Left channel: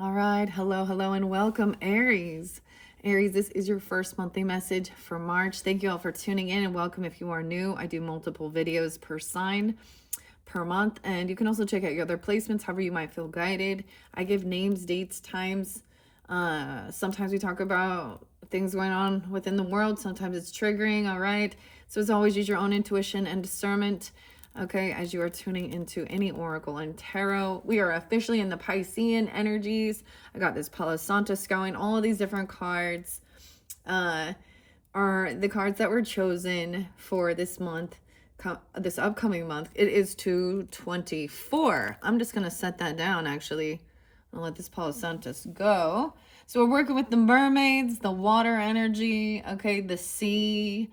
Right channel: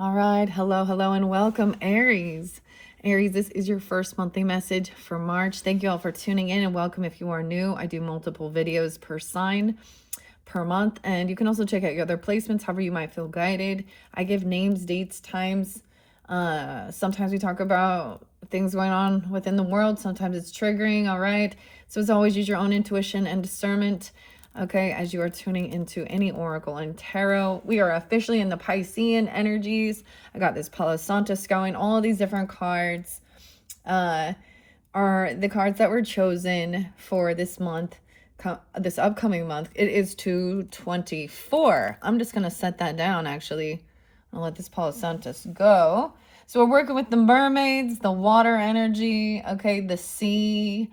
All right. Hello, hello, and welcome, Aries. Aries, this is your first monthly message for March. Thank you all for tuning in and welcome if you are new. I do multiple videos per sign per month, and you can also check out your other placements, however you might feel guided. I give names, dates, times. Sometimes we talk about things going on within the world. Sometimes it's triggering, all right? So as always, use your own intuition and discernment. Okay, as you are tuning into any oracle and tarot, we are officially in the Piscean energies. I got this Palo Santos going. All of these different cards are the cards that were chosen for this month, this upcoming month. It is 2/24. I'm just gonna set that down. Actually, I'll let this Palo Santos go. So we're working with the mermaids, the water energy. Okay, the sea.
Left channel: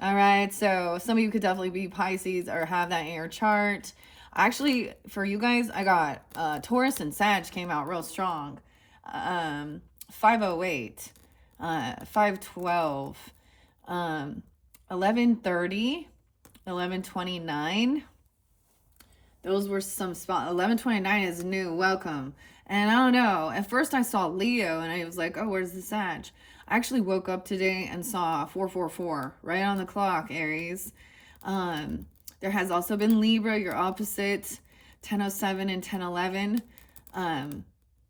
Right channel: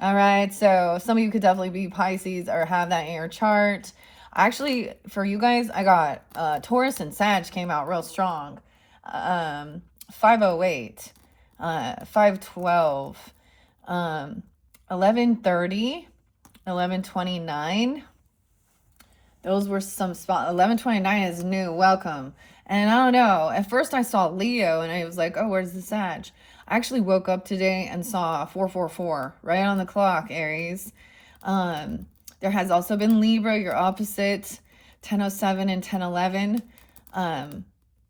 All right, so some of you could definitely be Pisces or have that in your chart. Actually, for you guys, I got Taurus and Sag came out real strong. 508, 512, 1130, 1129. Those were some spot. 1129 is new. Welcome. And I don't know. At first I saw Leo and I was like, oh, where's the Sag? I actually woke up today and saw 444 right on the clock, Aries. There has also been Libra, your opposite, 1007 and 1011.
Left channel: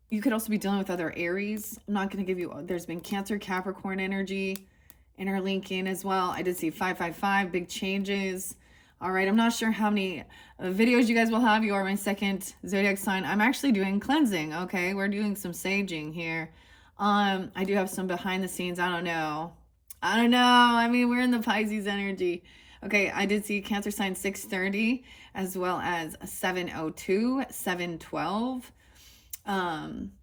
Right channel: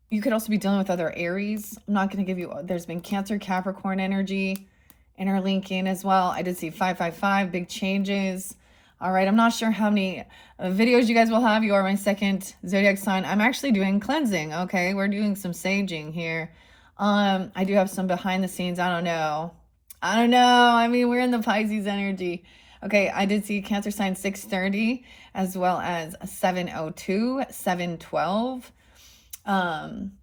You could also be dealing with other Aries. I'm not going to give you, there's been Cancer, Capricorn energy interlinking as well. I did see 555, big changes. All right, I'm not sure how many videos you guys will have. You are my second zodiac sign. I'm actually doing cleansing, okay? We're doing some saging here. I do have some behind the scenes. I don't know. I mean, we're in the Pisces energy. Okay, I did see Cancer sign 630 as well as 702, 712. I'm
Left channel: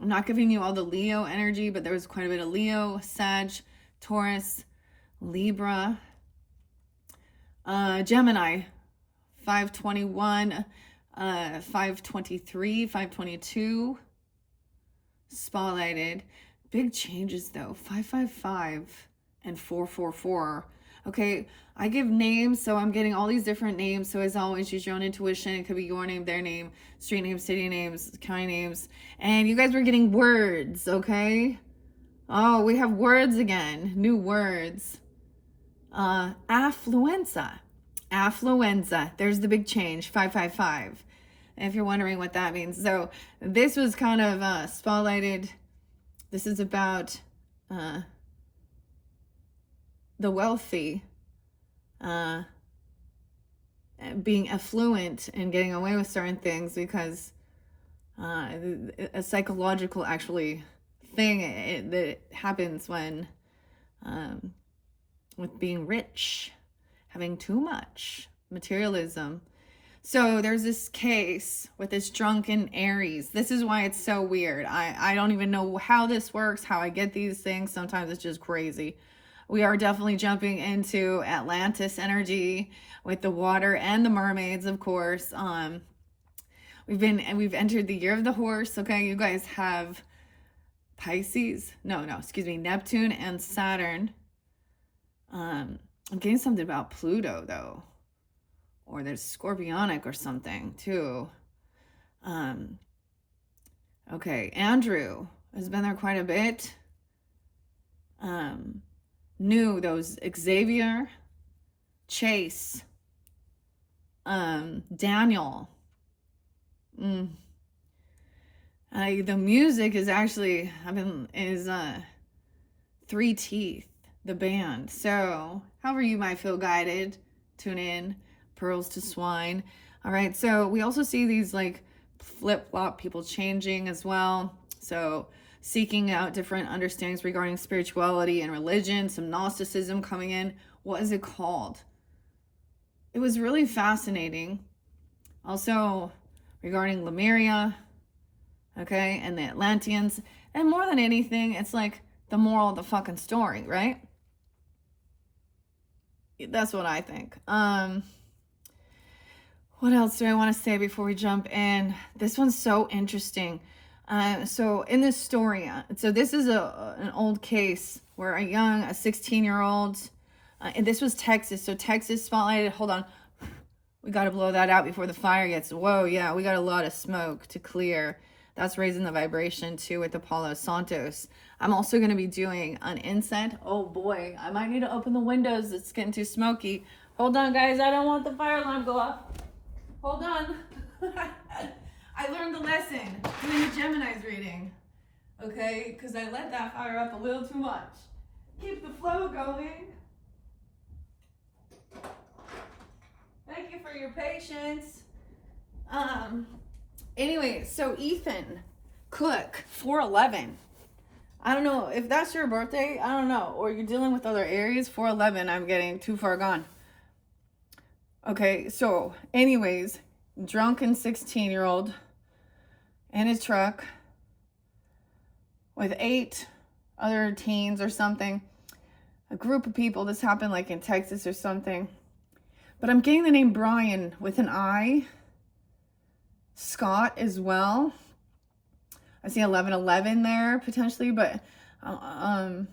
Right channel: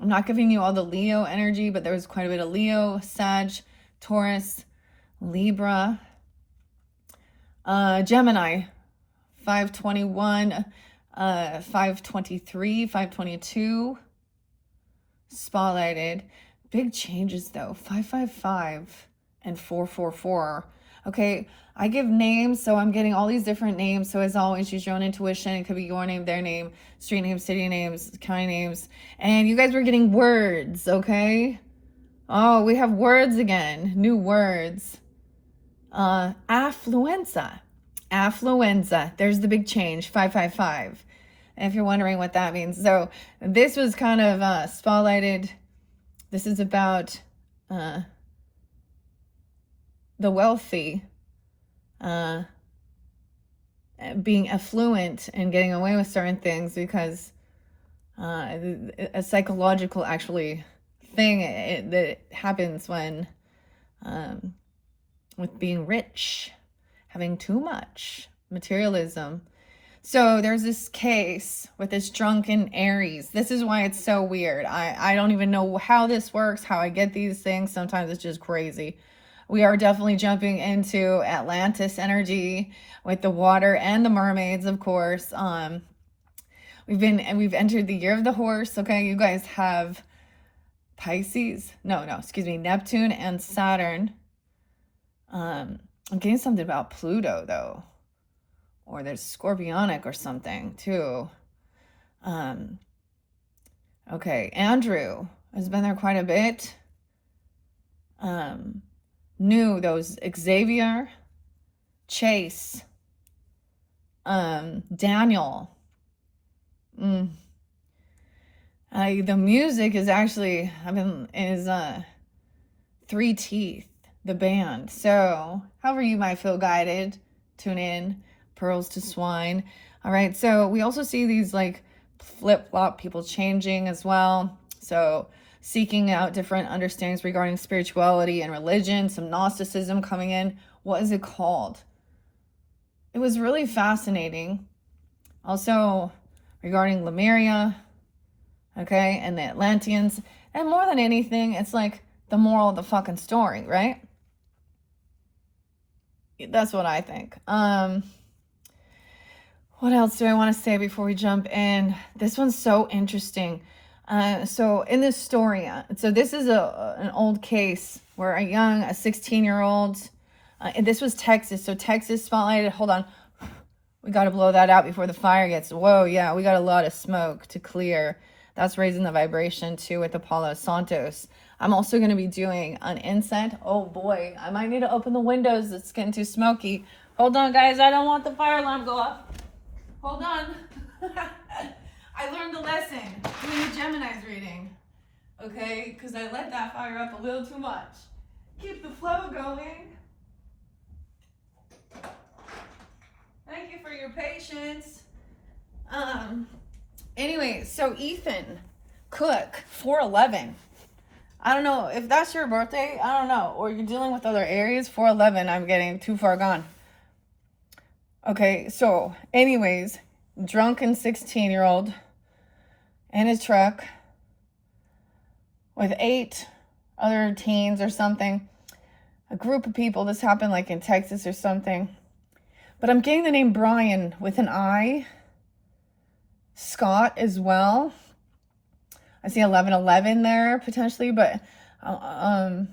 not giving you all the Leo energy, but there was quite a bit of Leo, Sag, Taurus, Libra, Gemini, 521, 523, 522. Spotlighted. Big changes though. 555 and 444. Okay, I give names, so I'm getting all these different names. So as always, use your own intuition. It could be your name, their name, street names, city names, county names. And you guys were getting words, okay? Oh, we have words again. New words. Affluenza. Affluenza. There's the big change. 555. If you're wondering what that means. So this was kind of spotlighted. This is about the wealthy being affluent and getting away with certain things because a psychological actually thing that happens when with being rich, having too much materialism. So there's this case with this drunken Aries. This is why it's so weird. I don't even know how this works, how I get these things. Sometimes it's just crazy. We are definitely jumping into Atlantis energy with the water and the mermaids, of course. We've entered the year of the horse. Okay, you guys have Pisces. Excuse me, Neptune and Saturn. I'm getting something about Pluto though. Or there's Scorpionic or something too. Okay, Andrew has been there quite a bit. New, those Xavier, Chase, Daniel. The music is actually, Three Teeth, the band. So, however you might feel guided, tune in. Pearls to swine. All right, so we also see these like flip-flop people changing as well. So seeking out different understandings regarding spirituality and religion, some Gnosticism coming in. What is it called? It was really fascinating. Also regarding Lemuria, okay, and the Atlanteans. And more than anything, it's like the moral of the fucking story, right? That's what I think. What else do I want to say before we jump in? This one's so interesting. So in this story, so this is an old case where a 16-year-old, and this was Texas. So Texas spotlighted, hold on. We got to blow that out before the fire gets, whoa, yeah, we got a lot of smoke to clear. That's raising the vibration too with Apollo Santos. I'm also going to be doing an incense. Oh boy, I might need to open the windows. It's getting too smoky. Hold on, guys. I don't want the fire alarm to go off. Hold on. I learned the lesson doing the Gemini's reading. Okay, because I let that fire up a little too much. Keep the flow going. Thank you for your patience. Anyway, so Ethan Cook, 411. I don't know if that's your birthday. I don't know. Or you're dealing with other Aries. 411. I'm getting too far gone. Okay, so anyways, drunken 16-year-old in his truck with 8 other teens or something. A group of people. This happened like in Texas or something. But I'm getting the name Brian with an I. Scott as well. I see 1111 there potentially, but I'm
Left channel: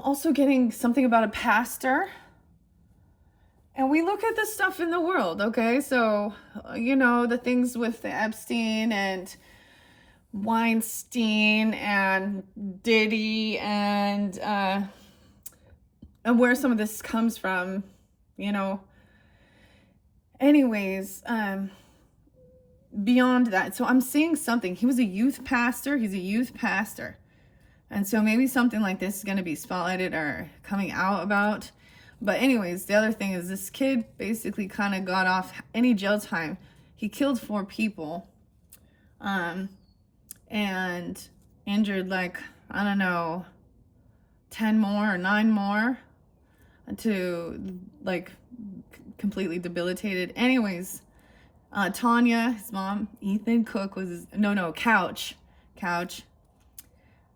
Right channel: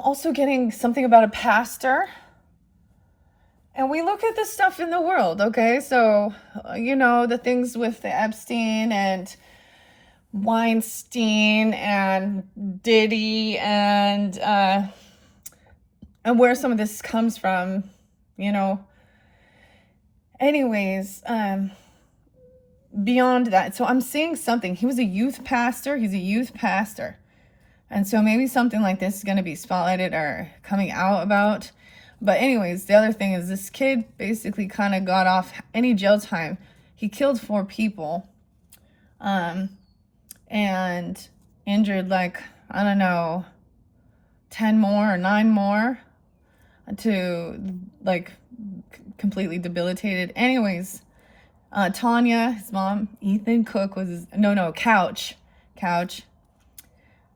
also getting something about a pastor. And we look at the stuff in the world, okay? So, you know, the things with the Epstein and Weinstein and Diddy and where some of this comes from, you know. Anyways, beyond that, so I'm seeing something. He was a youth pastor. He's a youth pastor. And so maybe something like this is going to be spotlighted or coming out about. But anyways, the other thing is this kid basically kind of got off any jail time. He killed 4 people and injured like, I don't know, 10 more or 9 more to like completely debilitated. Anyways, Tanya, his mom, Ethan Cook was his, Couch.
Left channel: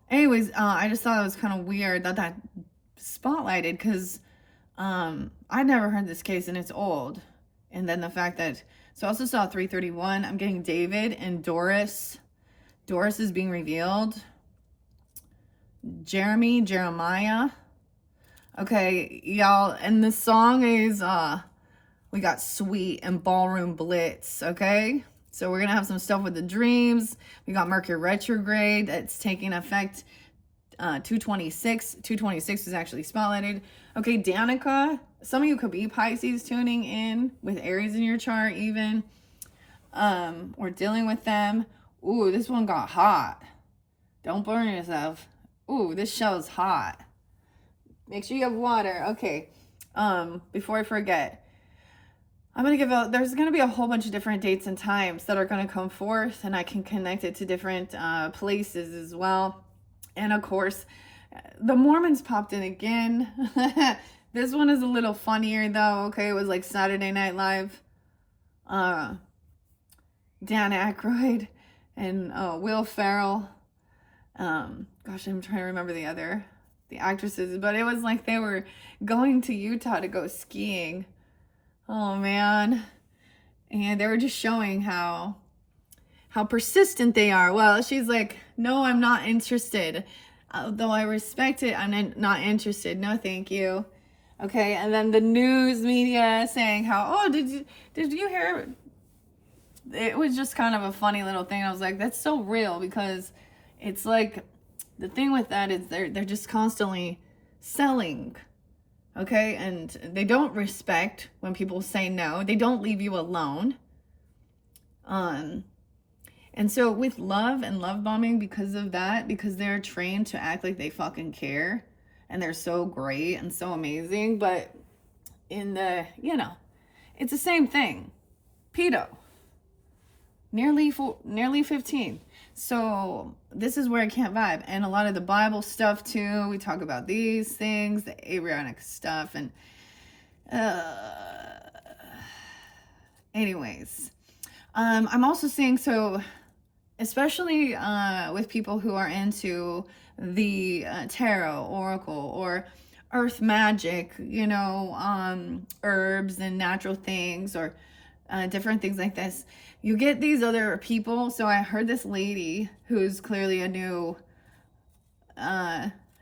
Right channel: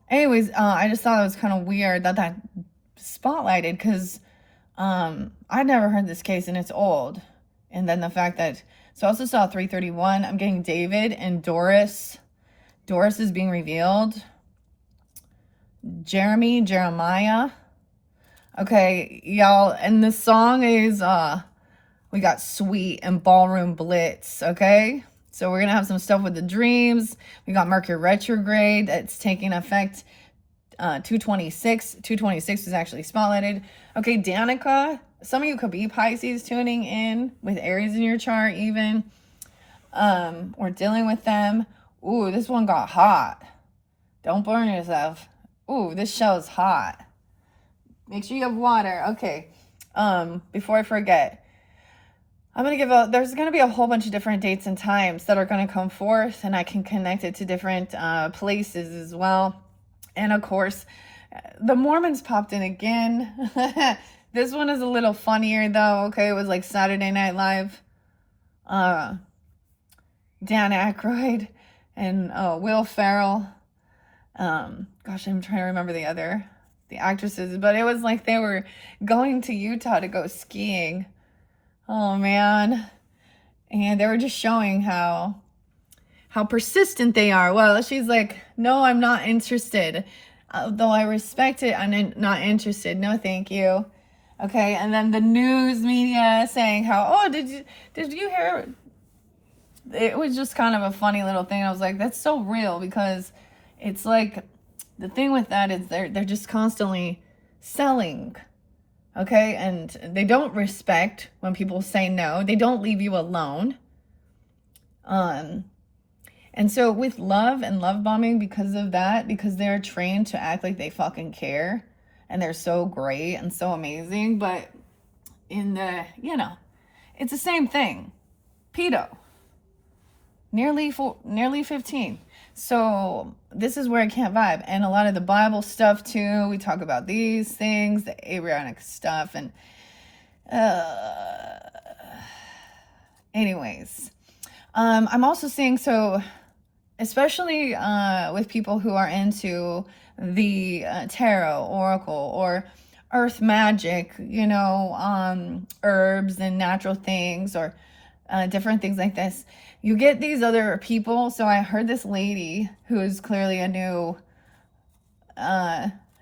Anyways, I just thought it was kind of weird that spotlighted because I'd never heard this case and it's old. And then the fact that, so I also saw 331. I'm getting David and Doris. Doris is being revealed. Jeremiah. Okay, y'all, and the song is, we got Sweet and Ballroom Blitz, okay? So we're going to have some stuff with the dreams. We got Mercury retrograde that's taking effect 226. 226 is actually spotlighted. Okay, Danica, some of you could be Pisces tuning in with Aries in your chart even. We're dealing with them. Ooh, this one got hot. Don't burn yourself. Ooh, this shell is hot. Make sure you have water. Okay, before I forget, I'm going to give there's going to be a whole bunch of different dates and times that are going to come forth, and I can connect it to different places as well. And of course, the Mormons popped in again. This one is a little funnier though, okay? It was like Saturday Night Live. Dan Aykroyd and Will Ferrell. Gosh, I'm trying to remember the actresses, but it was like they were going to Utah to go skiing. Oh man. And they were just showing how persistent they are. Well, she's like, no, I'm not interested. Though I respect it, I'm not interested. No, thank you. Okay, and then the news media saying how, oh, did you hear? It was just kind of a funny little thing. I was like, that's so real, because it's like, the thing with that is they're just constantly selling. Okay, and they don't respect when people say no. They don't leave you alone. And so with love and love bombing, because of that, because they're trained to act like they fucking care and they're so great and so amazing, but in the, it's the same thing. Pedo. Nearly 15. So this is where I can't vibe. And a lot of the Bible stuff too. We talk about these things, the Abrahamic stuff, and anyways. I'm also seeing, so especially with people who are into the tarot, oracle, or earth magic, herbs and natural things, or different things like this. You get these other people. So I heard this lady who is clearly a new,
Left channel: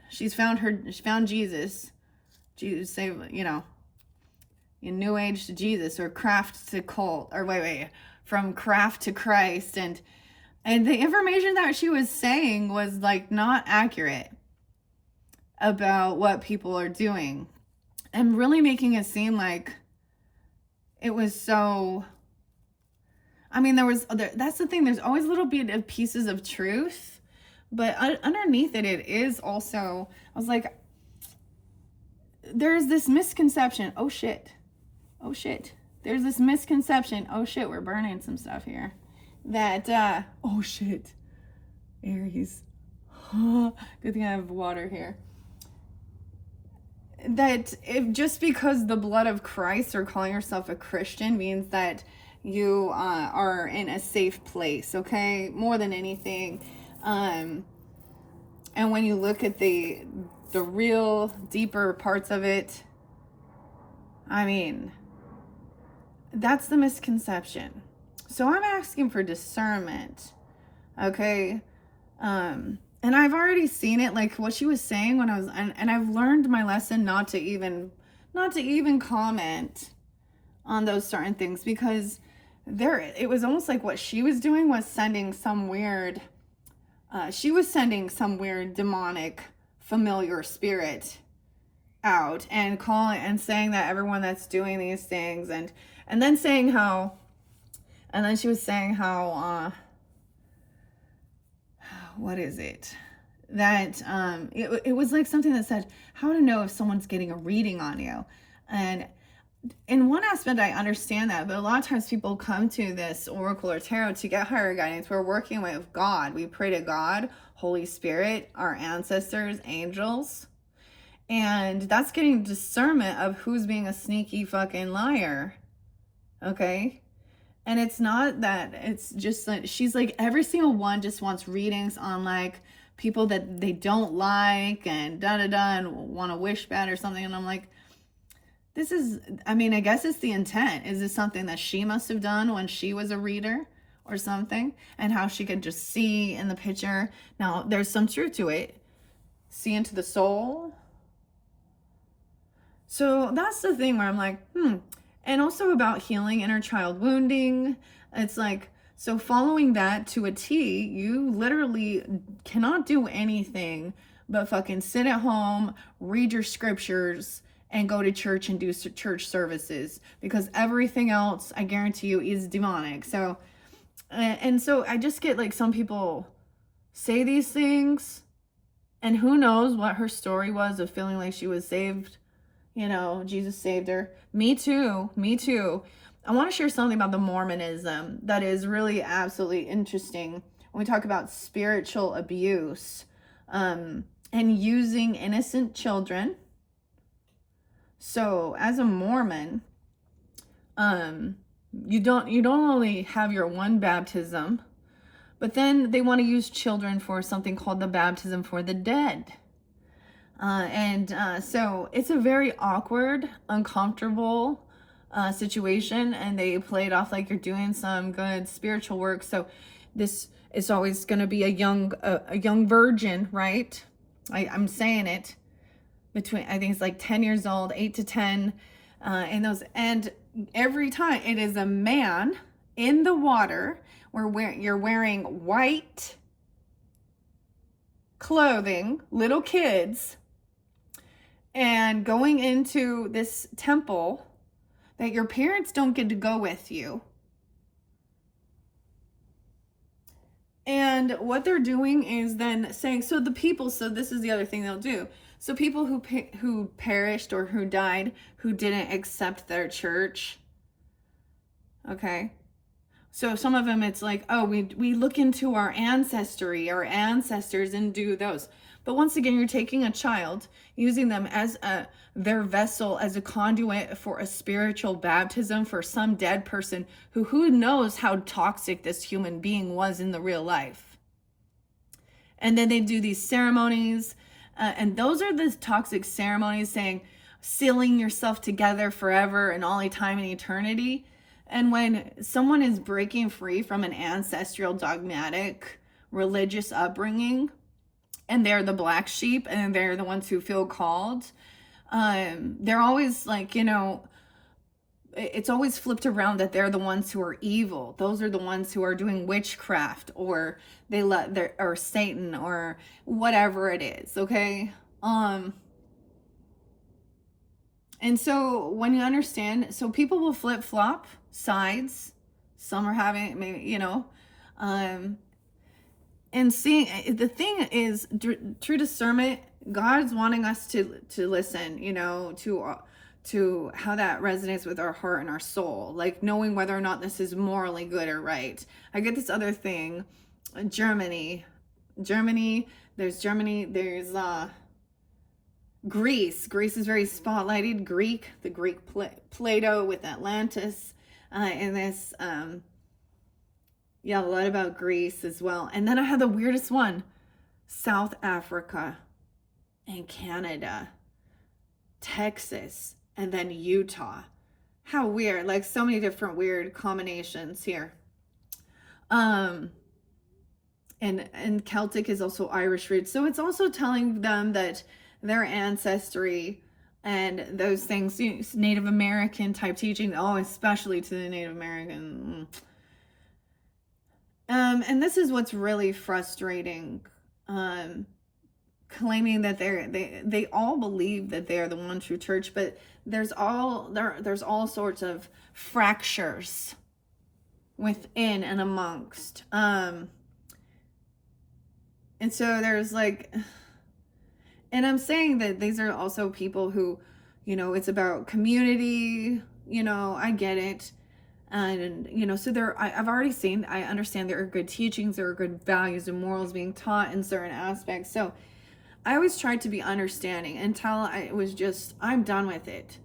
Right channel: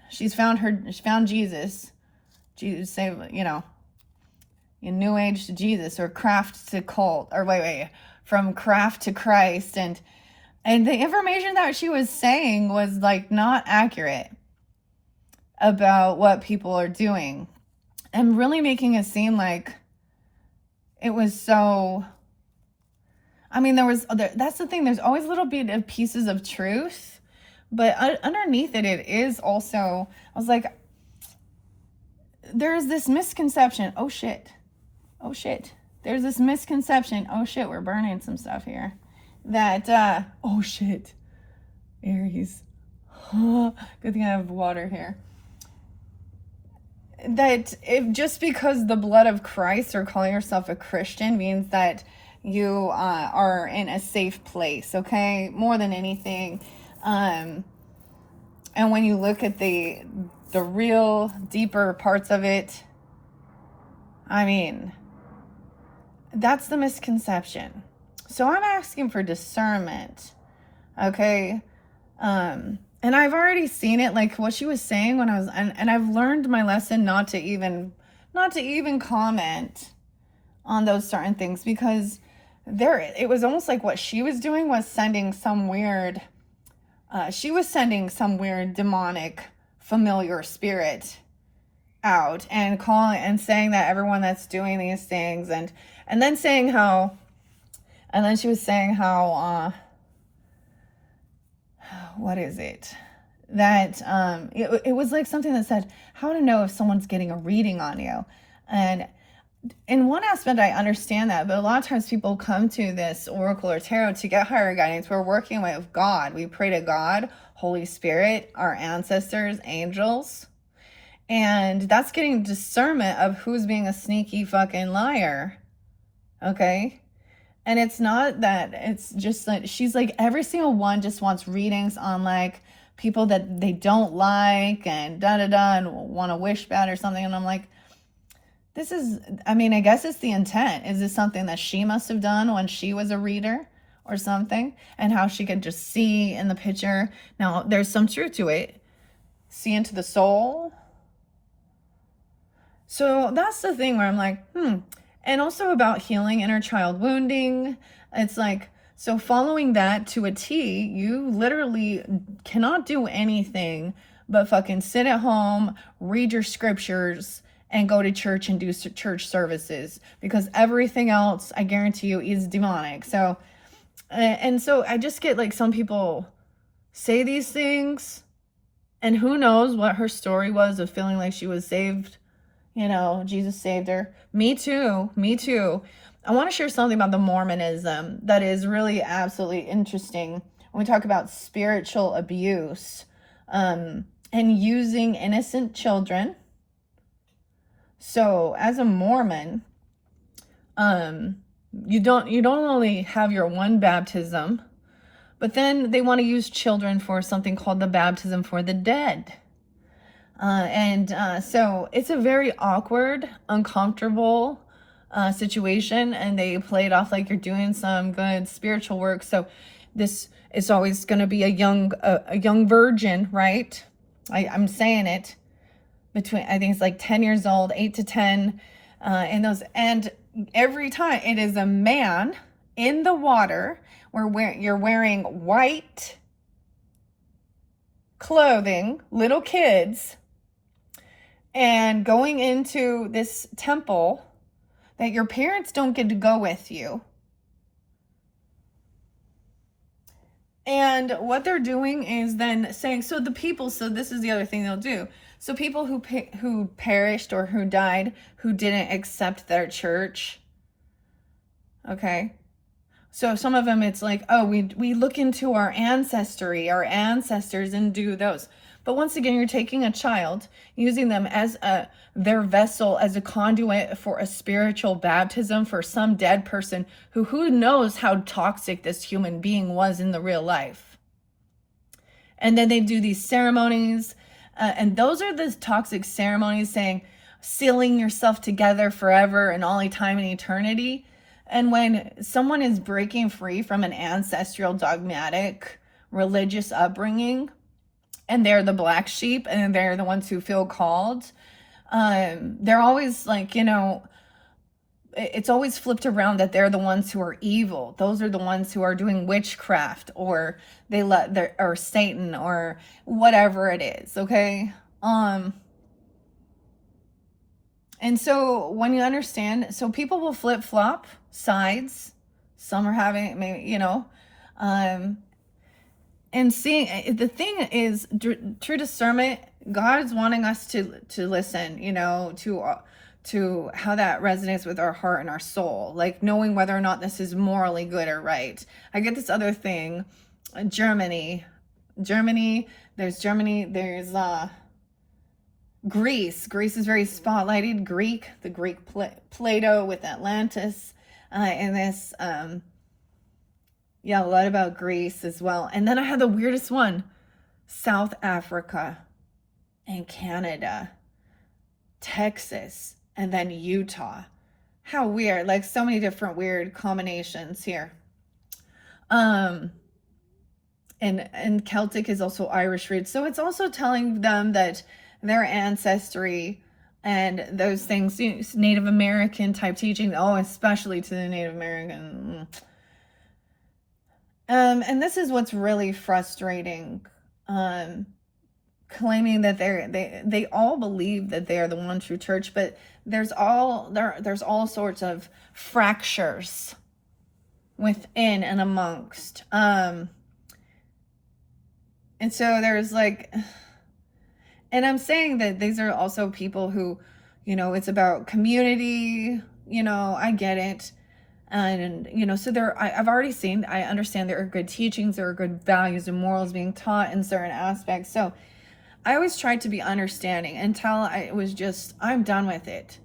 she found Jesus. Jesus say, in New Age to Jesus, or craft to cult, or wait, from craft to Christ, and And the information that she was saying was like not accurate about what people are doing, and really making it seem like it was so. I mean, that's the thing, there's always a little bit of pieces of truth, but underneath it is also, I was like, there's this misconception. Oh shit. There's this misconception. Oh shit, we're burning some stuff here. That, oh shit. Aries. Good thing I have water here. That if just because the blood of Christ or calling yourself a Christian means that you are in a safe place, okay? More than anything. And when you look at the real deeper parts of it, I mean, that's the misconception. So I'm asking for discernment, okay? And I've already seen it, like what she was saying when I was, and I've learned my lesson not to even comment on those certain things, because it was almost like what she was doing was sending some weird, demonic familiar spirit out, and calling and saying that everyone that's doing these things, and then saying how, and then she was saying how, what is it? That it was like something that said how to know if someone's getting a reading on you. And in one aspect, I understand that, but a lot of times people come to this oracle or tarot to get higher guidance. We're working with God. We pray to God, Holy Spirit, our ancestors, angels. And that's getting discernment of who's being a sneaky fucking liar. Okay? And it's not that, it's just that she's like, every single one just wants readings on like people that they don't like and and want to wish bad or something. And I'm like, this is, I mean, I guess it's the intent. Is this something that she must have done when she was a reader or something? And how she could just see in the picture. Now, there's some truth to it. See into the soul. So that's the thing where I'm like, And also about healing inner child wounding. It's like, so following that to a T, you literally cannot do anything but fucking sit at home, read your scriptures, and go to church and do church services, because everything else, I guarantee you, is demonic. So, and so I just get like some people say these things, and who knows what her story was of feeling like she was saved. You know, Jesus saved her. Me too. I want to share something about the Mormonism that is really absolutely interesting when we talk about spiritual abuse, and using innocent children. So as a Mormon, you don't only have your one baptism, but then they want to use children for something called the baptism for the dead. So it's a very awkward, uncomfortable situation, and they play it off like you're doing some good spiritual work. So this is always going to be a young virgin, right? I'm saying it, between, I think it's like 10 years old, 8 to 10, and every time it is a man in the water where you're wearing white clothing, little kids, and going into this temple that your parents don't get to go with you. And what they're doing is then saying, so this is the other thing they'll do. So people who perished or who died, who didn't accept their church, okay? So some of them, it's like, oh, we look into our ancestors and do those. But once again, you're taking a child, using them as their vessel, as a conduit for a spiritual baptism for some dead person who knows how toxic this human being was in the real life. And then they do these ceremonies, and those are the toxic ceremonies, saying, sealing yourself together forever and all time and eternity. And when someone is breaking free from an ancestral dogmatic religious upbringing, and they're the black sheep and they're the ones who feel called, they're always like, it's always flipped around that they're the ones who are evil. Those are the ones who are doing witchcraft, or they let their, or Satan, or whatever it is. Okay. And so when you understand, so people will flip flop sides. Some are having, maybe, and seeing, the thing is, true discernment. God's wanting us to listen, to how that resonates with our heart and our soul, like knowing whether or not this is morally good or right. I get this other thing, Germany. There's Germany. There's Greece. Greece is very spotlighted. The Greek Plato with Atlantis, and this yeah, a lot about Greece as well. And then I had the weirdest one, South Africa and Canada, Texas, and then Utah. How weird. Like, so many different weird combinations here. And Celtic is also Irish roots. So it's also telling them that their ancestry and those things, Native American type teaching, especially to the Native American. And this is what's really frustrating. Claiming that they all believe that they are the one true church, but there's all sorts of fractures within and amongst. And so there's like, and I'm saying that these are also people who, it's about community, I get it. And, so I've already seen, I understand there are good teachings, there are good values and morals being taught in certain aspects. So I always tried to be understanding until I'm done with it.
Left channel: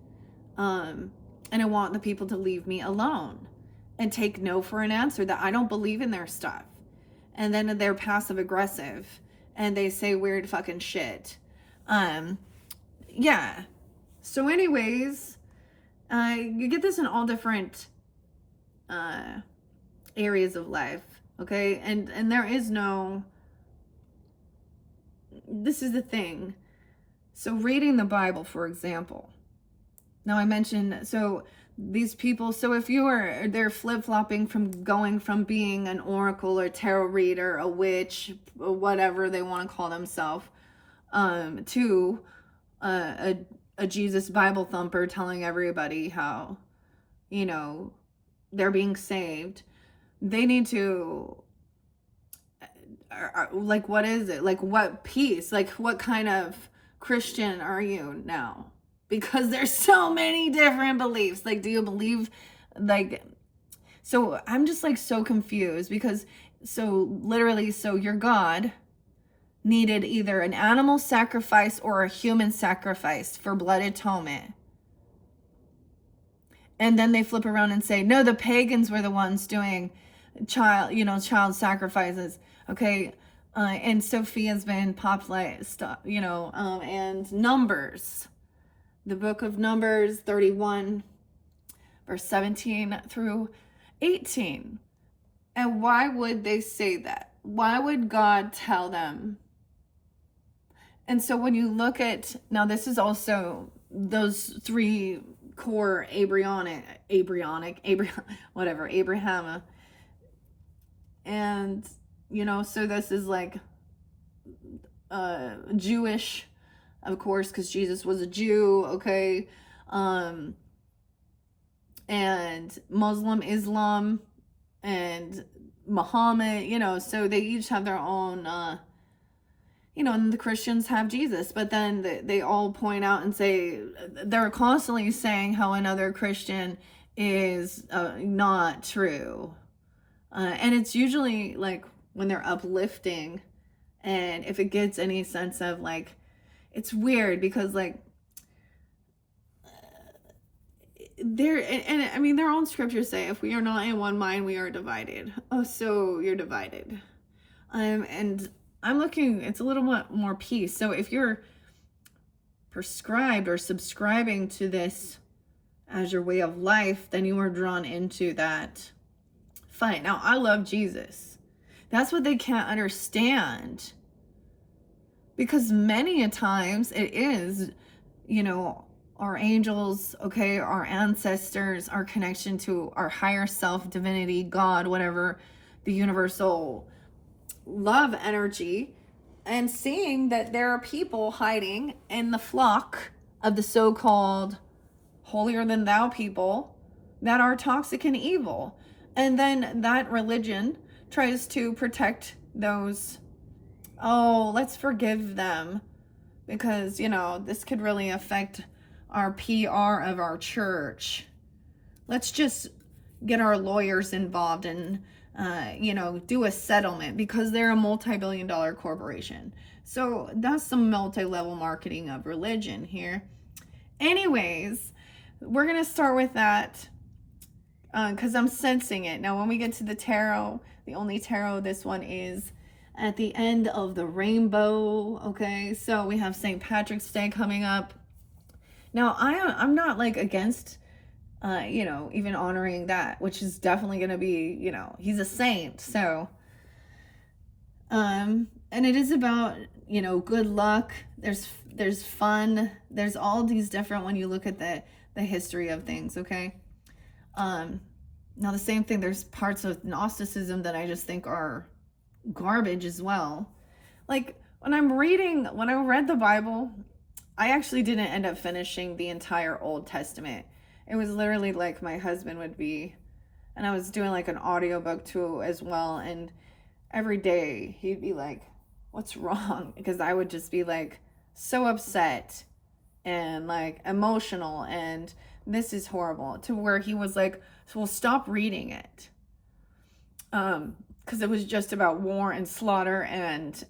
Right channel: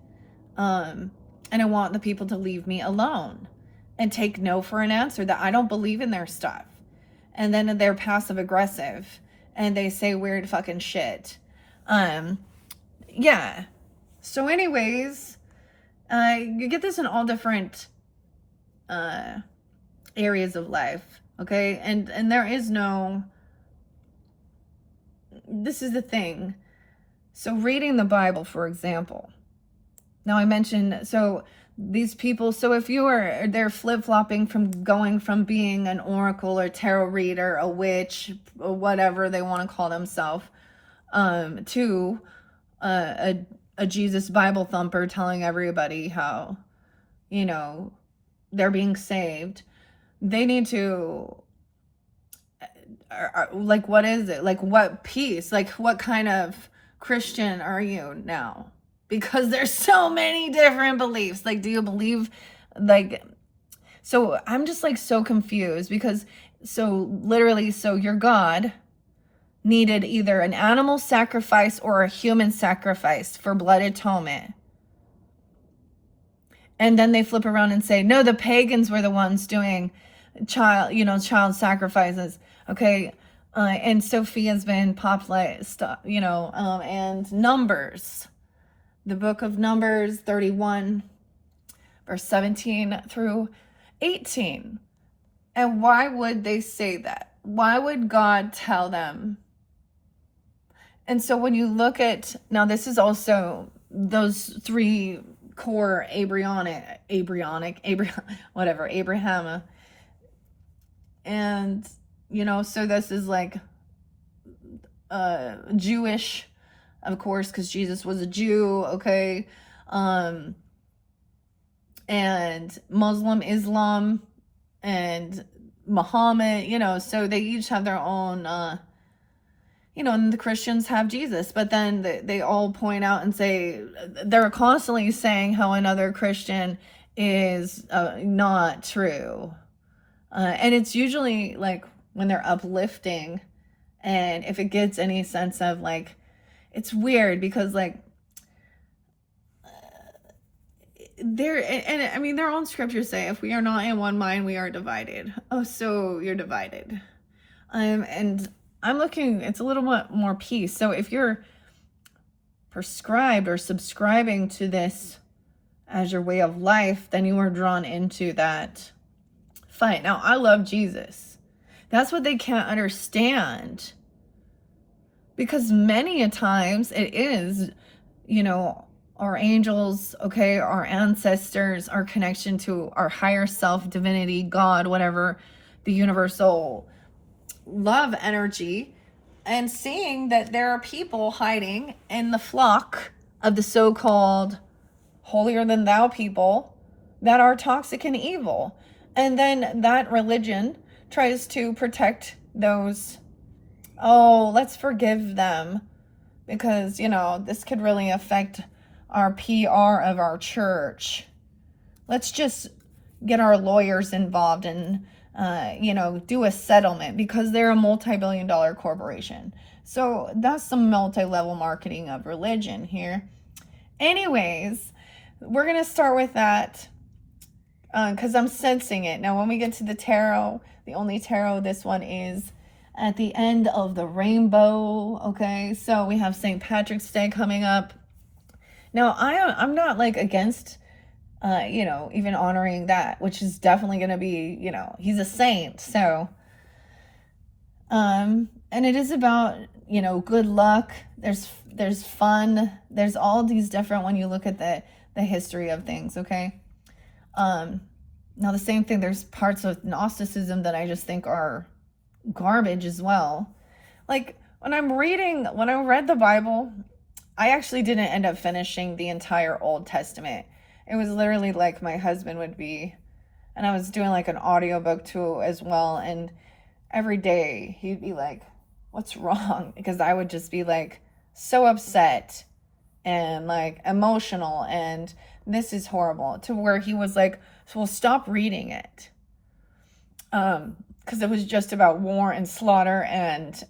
And I want the people to leave me alone and take no for an answer, that I don't believe in their stuff. And then they're passive aggressive and they say weird fucking shit. Yeah. So anyways, you get this in all different areas of life, okay? And there is no, this is the thing. So reading the Bible, for example. Now I mentioned, so these people, so if they're flip-flopping from going from being an oracle or tarot reader, a witch, or whatever they want to call themselves, to a Jesus Bible thumper telling everybody how, they're being saved. They need to, like, what is it? Like, what piece? Like, what kind of Christian are you now? Because there's so many different beliefs. Like, do you believe, like, so I'm just like so confused, because literally, your God needed either an animal sacrifice or a human sacrifice for blood atonement. And then they flip around and say, no, the pagans were the ones doing child sacrifices. Okay. And Sophia's been popularized, and Numbers, the book of Numbers 31, verse 17 through 18. And why would they say that? Why would God tell them? And so when you look at, now this is also those three core Abraham, and so this is like Jewish, of course, because Jesus was a Jew, okay, and Muslim, Islam, and Muhammad, so they each have their own and the Christians have Jesus, but then they all point out and say, they're constantly saying how another Christian is not true. And it's usually like when they're uplifting, and if it gets any sense of like, it's weird because like, their own scriptures say, if we are not in one mind, we are divided. Oh, so you're divided. And I'm looking, it's a little bit more peace. So if you're prescribed or subscribing to this as your way of life, then you are drawn into that fight. Now, I love Jesus. That's what they can't understand. Because many a times it is, our angels, okay, our ancestors, our connection to our higher self, divinity, God, whatever, the universal love energy, and seeing that there are people hiding in the flock of the so-called holier than thou people that are toxic and evil. And then that religion tries to protect those, oh, let's forgive them because, you know, this could really affect our PR of our church. Let's just get our lawyers involved and, you know, do a settlement because they're a multi-billion-dollar corporation. So that's some multi-level marketing of religion here. Anyways, we're going to start with that because I'm sensing it. Now, when we get to the tarot, the only tarot this one is at the end of the rainbow, okay? So we have St. Patrick's Day coming up. Now, I'm not like against, you know, even honoring that, which is definitely going to be, you know, he's a saint. So, and it is about, you know, good luck. There's fun. There's all these different, when you look at the history of things, okay? Now the same thing, there's parts of Gnosticism that I just think are garbage as well. Like when I read the Bible, I actually didn't end up finishing the entire Old Testament. It was literally like my husband would be, and I was doing like an audiobook too as well, and every day he'd be like, what's wrong? Because I would just be like so upset and like emotional and this is horrible, to where he was like, so we'll stop reading it. Because it was just about war and slaughter and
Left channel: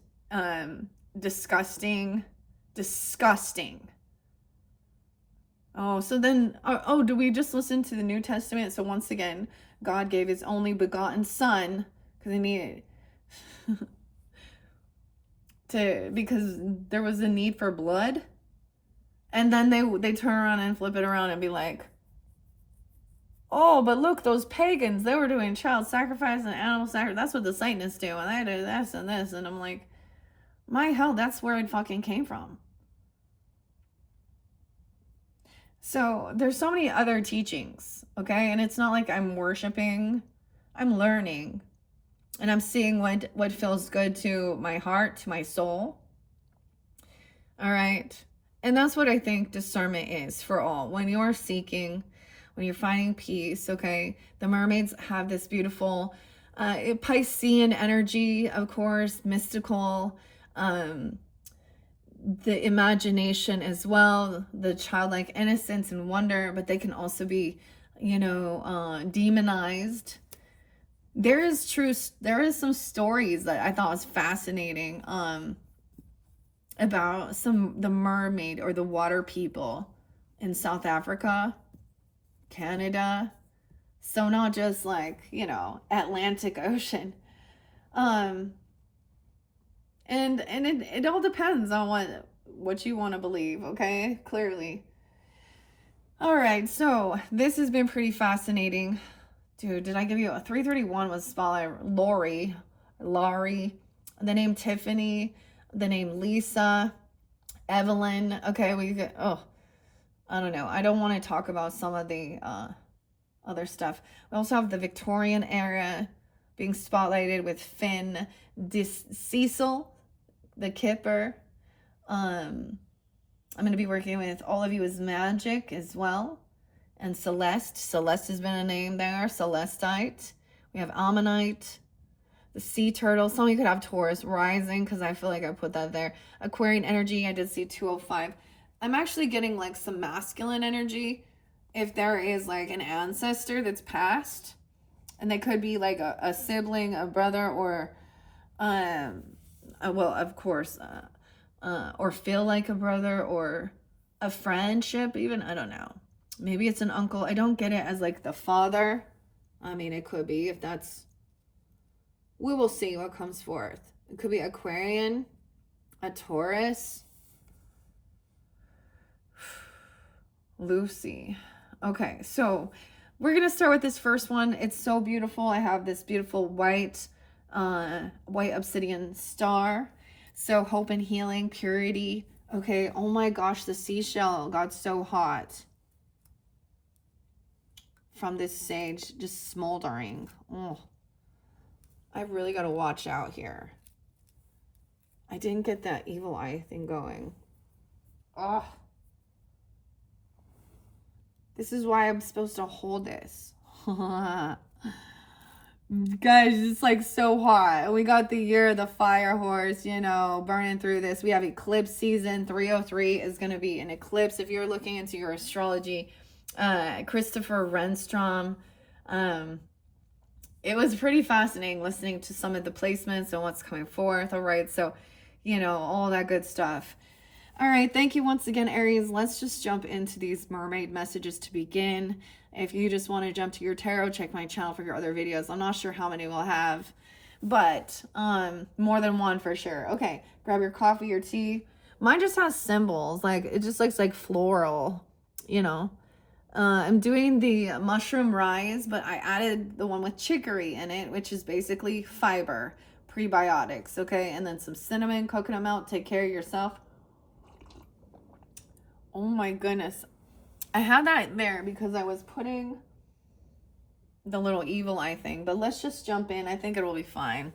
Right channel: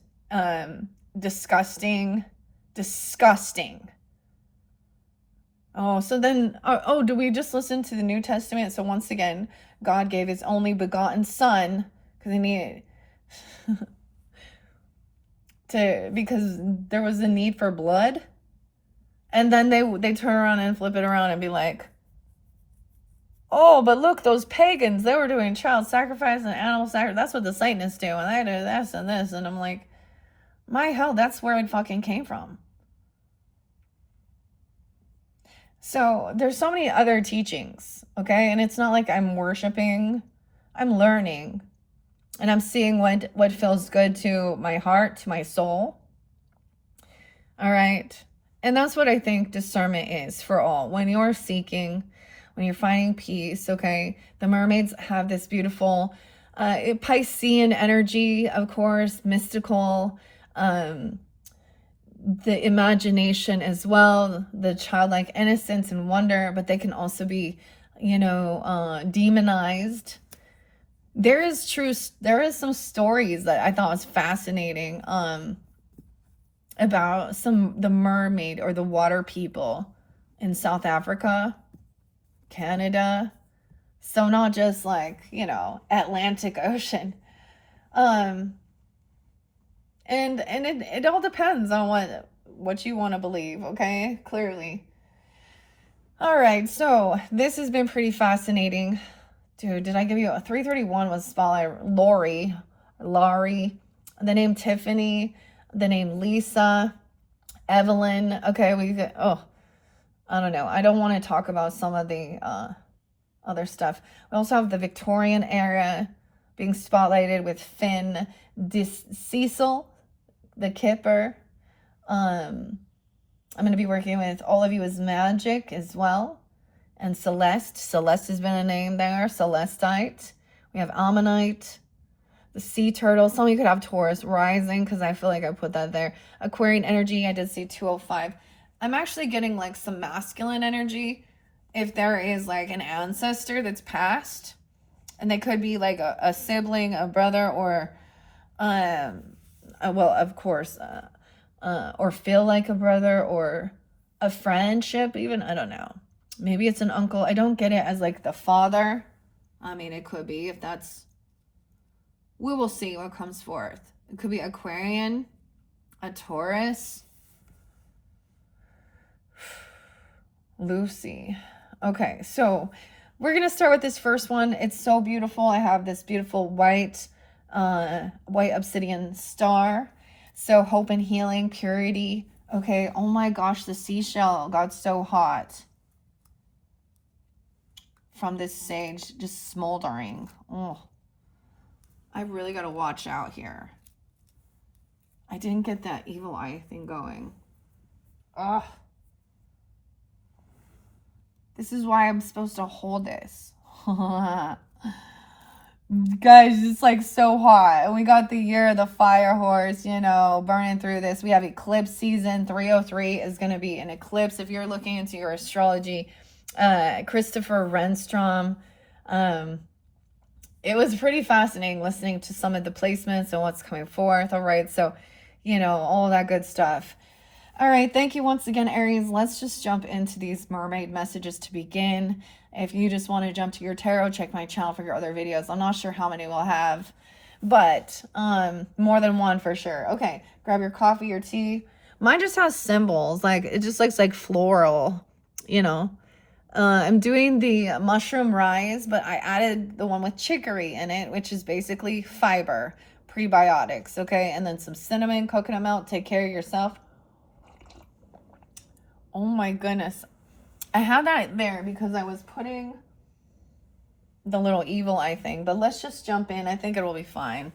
disgusting. Oh, so then, oh, do we just listen to the New Testament? So once again, God gave his only begotten son because he needed because there was a need for blood. And then they turn around and flip it around and be like, oh, but look, those pagans, they were doing child sacrifice and animal sacrifice. That's what the Satanists do. And they do this and this. And I'm like, my hell, that's where it fucking came from. So there's so many other teachings, okay? And it's not like I'm worshiping. I'm learning. And I'm seeing what feels good to my heart, to my soul. All right? And that's what I think discernment is for all. When you're seeking, when you're finding peace, okay? The mermaids have this beautiful Piscean energy, of course, mystical, the imagination as well, the childlike innocence and wonder, but they can also be, you know, demonized. There is some stories that I thought was fascinating about the mermaid or the water people in South Africa, Canada. So not just like, you know, Atlantic Ocean. And it all depends on what you want to believe, okay? Clearly. All right, so this has been pretty fascinating. Dude, did I give you a 331 was spotlight? Laurie, the name Tiffany, the name Lisa, Evelyn. Okay, I don't know. I don't want to talk about some of the other stuff. We also have the Victorian era being spotlighted with Finn, Cecil, the Kipper. I'm going to be working with All of You is Magic as well. And Celeste. Celeste has been a name there. Celestite. We have Ammonite. The Sea Turtle. Some of you could have Taurus rising because I feel like I put that there. Aquarian energy. I did see 205. I'm actually getting like some masculine energy. If there is like an ancestor that's passed. And they could be like a sibling, a brother, or, well, of course, or feel like a brother, or a friendship even. I don't know. Maybe it's an uncle. I don't get it as like the father. I mean, it could be if that's... We will see what comes forth. It could be Aquarian, a Taurus. Lucy. Okay, so we're going to start with this first one. It's so beautiful. I have this beautiful white obsidian star. So hope and healing, purity, Okay, oh my gosh, the seashell got so hot from this sage just smoldering. Oh, I really got to watch out here. I didn't get that evil eye thing going. Ugh. This is why I'm supposed to hold this. Guys, it's like so hot. We got the year of the fire horse, you know, burning through this. We have eclipse season. 303 is going to be an eclipse. If you're looking into your astrology, Christopher Renstrom, it was pretty fascinating listening to some of the placements and what's coming forth. All right. So, you know, all that good stuff. All right. Thank you once again, Aries. Let's just jump into these mermaid messages to begin. If you just want to jump to your tarot, check my channel for your other videos. I'm not sure how many we'll have, but more than one for sure. Okay. Grab your coffee or tea. Mine just has symbols. Like, it just looks like floral, you know. I'm doing the mushroom rise, but I added the one with chicory in it, which is basically fiber, prebiotics, okay? And then some cinnamon, coconut milk. Take care of yourself. Oh my goodness. I had that there because I was putting the little evil eye thing, but let's just jump in. I think it will be fine.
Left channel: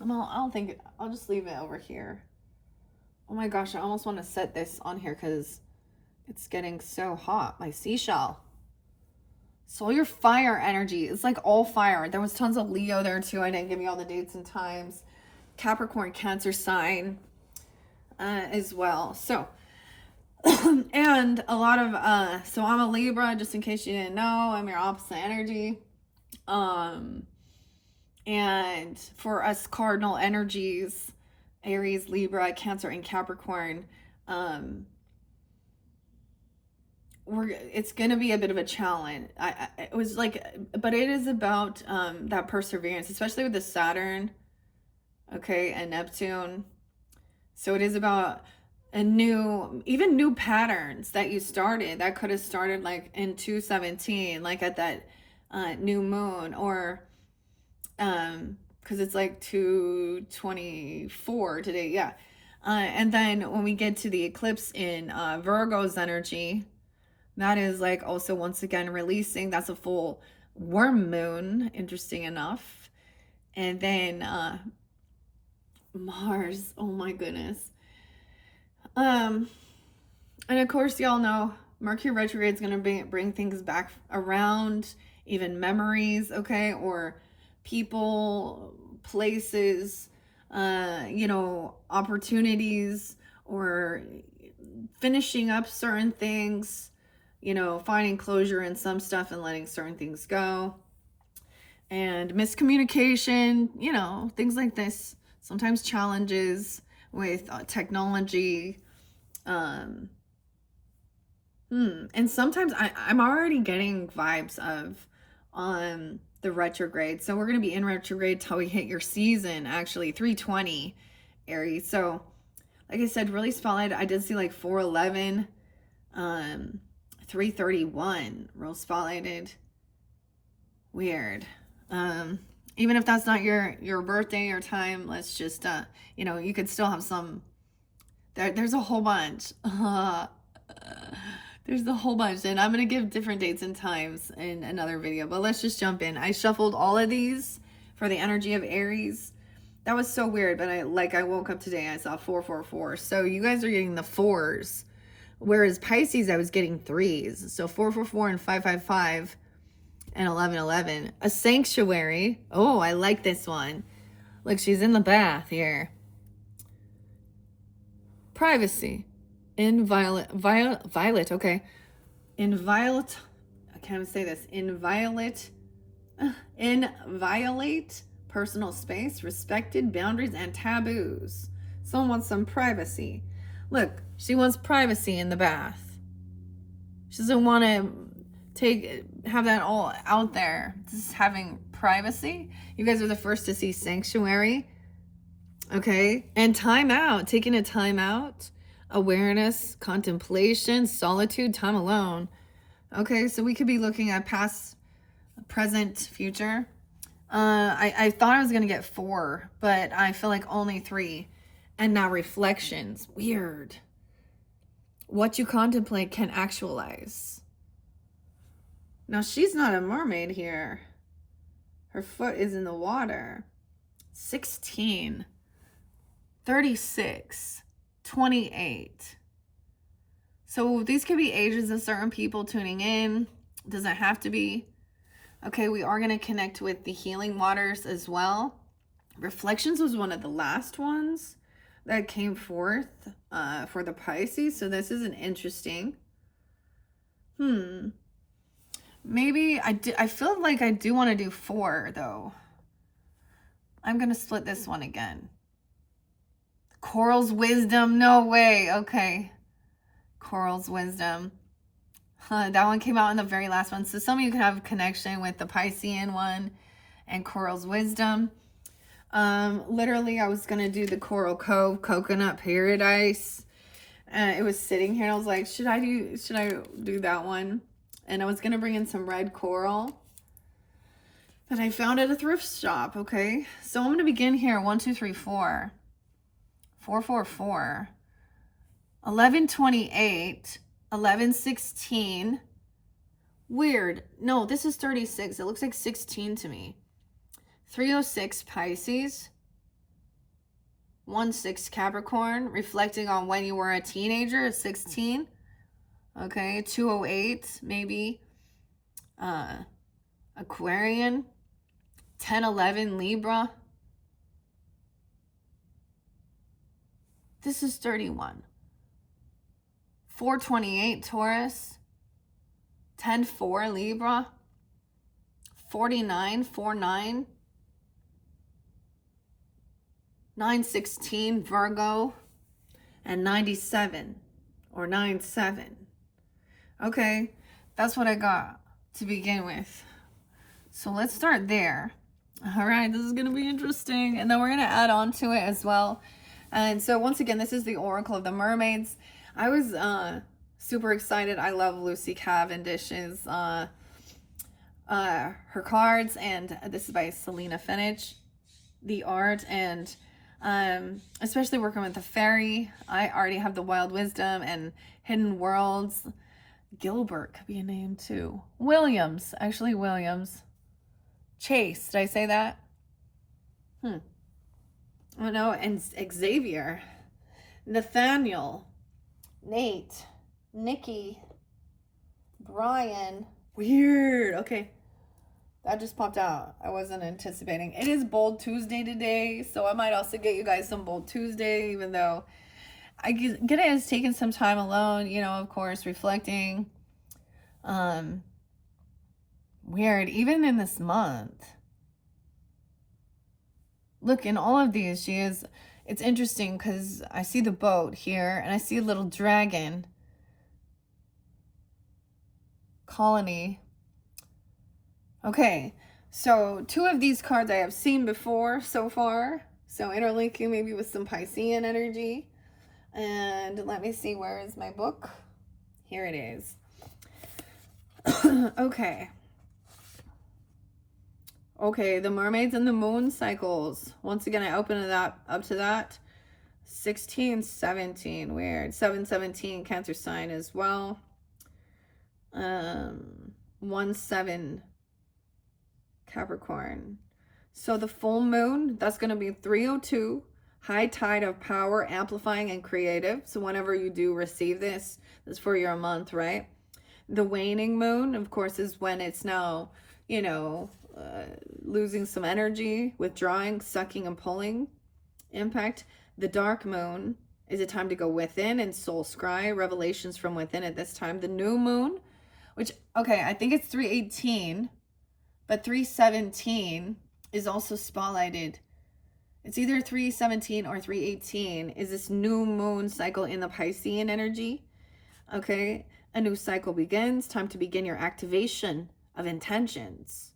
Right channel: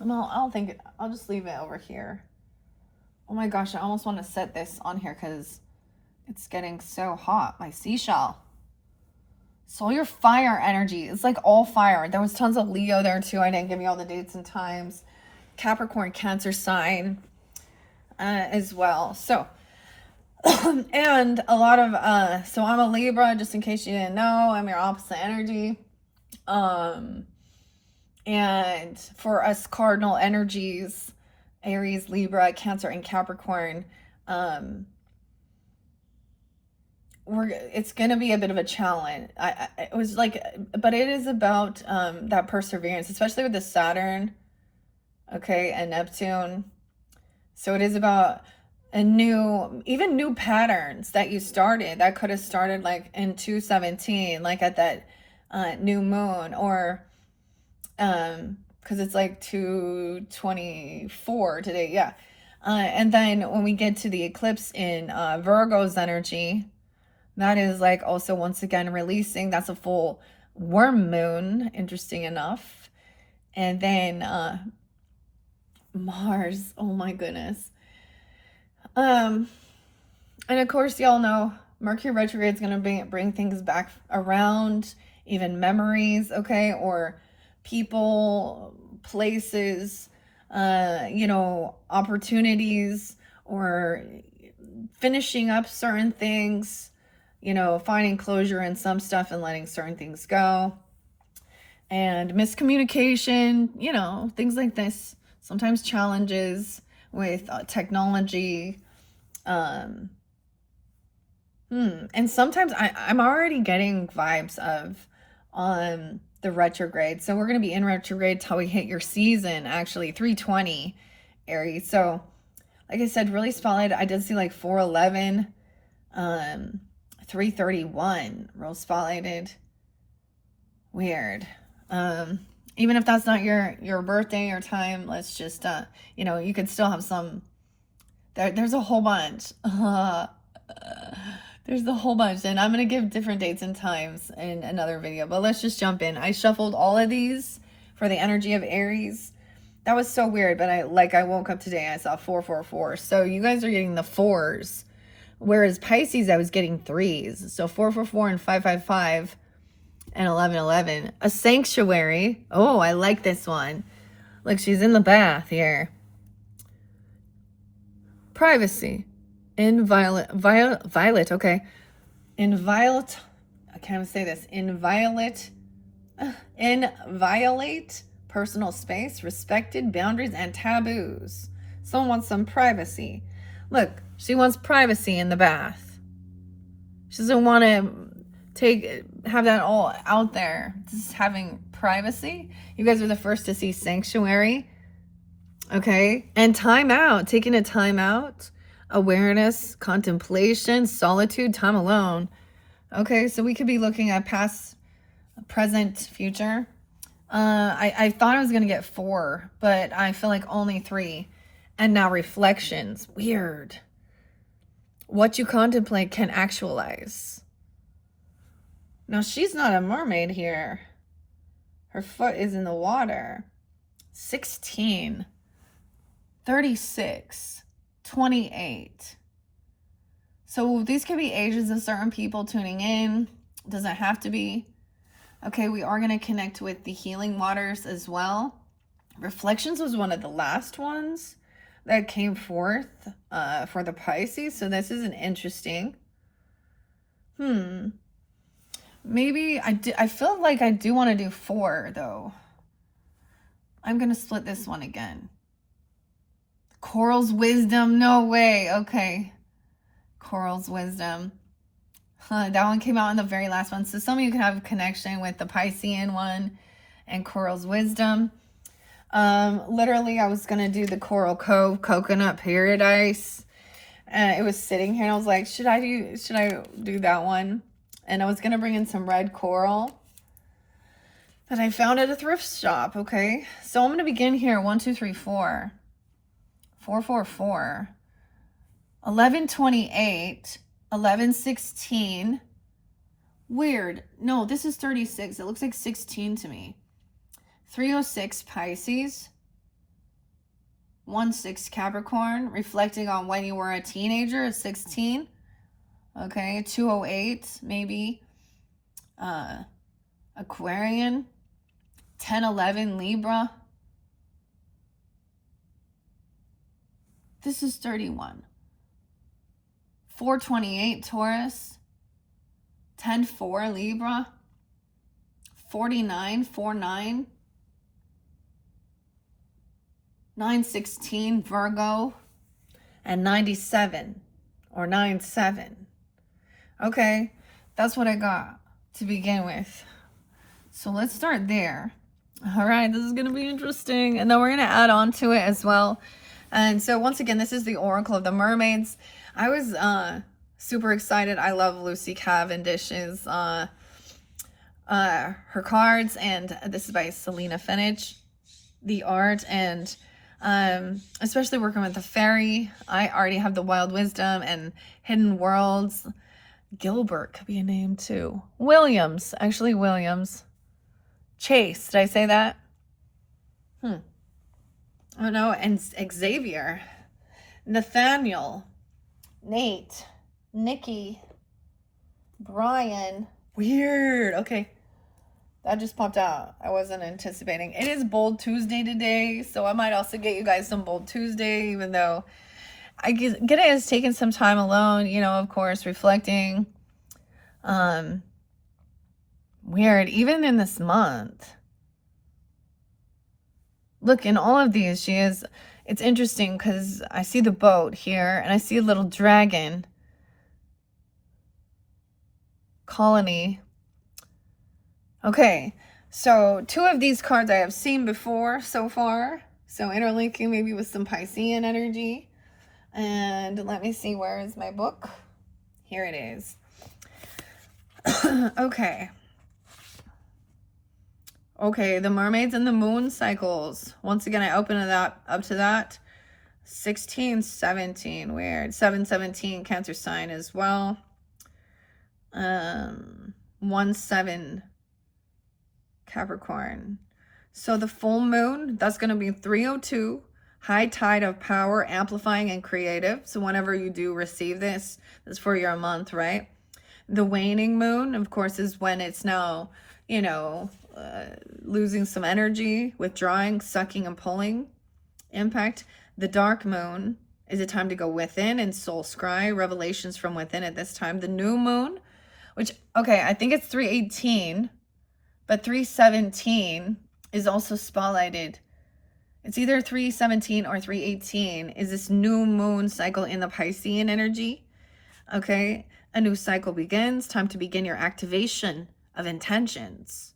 I'll just leave it over here. Oh my gosh, I almost want to set this on here because it's getting so hot. My seashell. So your fire energy. It's like all fire. There was tons of Leo there too. I didn't give you all the dates and times. Capricorn, Cancer sign as well. So, and a lot of, so I'm a Libra, just in case you didn't know. I'm your opposite energy. And for us cardinal energies, Aries, Libra, Cancer, and Capricorn, it's gonna be a bit of a challenge. It was like, but it is about that perseverance, especially with the Saturn, okay, and Neptune. So it is about even new patterns that you started that could have started like in 217, like at that new moon, or because it's like 224 today, yeah. And then when we get to the eclipse in Virgo's energy, that is like also once again releasing. That's a full worm moon, interesting enough. And then Mars, oh my goodness. And of course, y'all know Mercury retrograde is going to bring things back around, even memories, okay, or people, places, you know, opportunities, or finishing up certain things, you know, finding closure in some stuff and letting certain things go. And miscommunication, you know, things like this. Sometimes challenges with technology. And sometimes I'm already getting vibes of the retrograde. So we're going to be in retrograde till we hit your season, actually, 320, Aries. So, like I said, really solid. I did see like 411, 331, real spotlighted. Weird. Even if that's not your birthday or time, let's just, you know, you could still have some, there's a whole bunch. There's a whole bunch, and I'm going to give different dates and times in another video, but let's just jump in. I shuffled all of these for the energy of Aries. That was so weird, but I woke up today, I saw 444. So you guys are getting the fours, whereas Pisces, I was getting threes. So 444 and 555 and 1111. A sanctuary. Oh, I like this one. Look, she's in the bath here. Privacy. Inviolate, okay. Inviolate, I can't even say this. Inviolate personal space, respected boundaries, and taboos. Someone wants some privacy. Look, she wants privacy in the bath. She doesn't want to have that all out there. Just having privacy. You guys are the first to see sanctuary. Okay. And time out. Taking a time out. Awareness, contemplation, solitude, time alone. Okay, so we could be looking at past, present, future. I thought I was going to get 4, but I feel like only 3. And now reflections. Weird. what you contemplate can actualize. Now, she's not a mermaid here. Her foot is in the water. 16, 36, 28. So these could be ages of certain people tuning in. Doesn't have to be. Okay, we are going to connect with the healing waters as well. Reflections was one of the last ones that came forth for the Pisces. So this is an interesting. Maybe I feel like I do want to do 4 though. I'm going to split this one again. Coral's wisdom. No way. Okay. Coral's wisdom. That one came out in the very last one. So some of you can have a connection with the Piscean one and Coral's wisdom. Literally, I was going to do the Coral Cove Coconut Paradise. And it was sitting here and I was like, should I do that one? And I was going to bring in some red coral that I found at a thrift shop. Okay. So I'm going to begin here. 1, 2, 3, 4. 4, 4, 4. 1128. 1116. Weird. No, this is 36. It looks like 16 to me. 306 Pisces. 16 Capricorn, reflecting on when you were a teenager at 16. Okay, 208 maybe. Aquarian. 1011 Libra. This is 31. 428 Taurus. 10-4 Libra. 49-49. 916 Virgo. And 97 or 97. Okay, that's what I got to begin with. So let's start there. All right, this is going to be interesting. And then we're going to add on to it as well. And so once again, this is the Oracle of the Mermaids. I was super excited. I love Lucy Cavendish's her cards, and this is by Selena Fenich, the art, and especially working with the fairy. I already have the Wild Wisdom and Hidden Worlds. Gilbert could be a name too. Williams, actually Williams. Chase, did I say that? I don't know. And Xavier, Nathaniel, Nate, Nikki, Brian. Weird. Okay. That just popped out. I wasn't anticipating. It is Bold Tuesday today, so I might also get you guys some Bold Tuesday, even though I get it as taking some time alone, you know, of course, reflecting. Weird. Even in this month. Look, in all of these, it's interesting because I see the boat here and I see a little dragon colony. Okay, so 2 of these cards I have seen before so far. So interlinking maybe with some Piscean energy. And let me see, where is my book? Here it is. Okay. Okay, the mermaids and the moon cycles. Once again, I open it up to that. 16, 17, weird. 717, Cancer sign as well. 1-7, Capricorn. So the full moon, that's going to be 302. High tide of power, amplifying and creative. So whenever you do receive this is for your month, right? The waning moon, of course, is when it's now, you know, losing some energy, withdrawing, sucking and pulling. Impact. The dark moon is a time to go within and soul scry, revelations from within at this time. The new moon, which, okay, I think it's 318, but 317 is also spotlighted. It's either 317 or 318 is this new moon cycle in the Piscean energy. Okay, a new cycle begins. Time to begin your activation of intentions.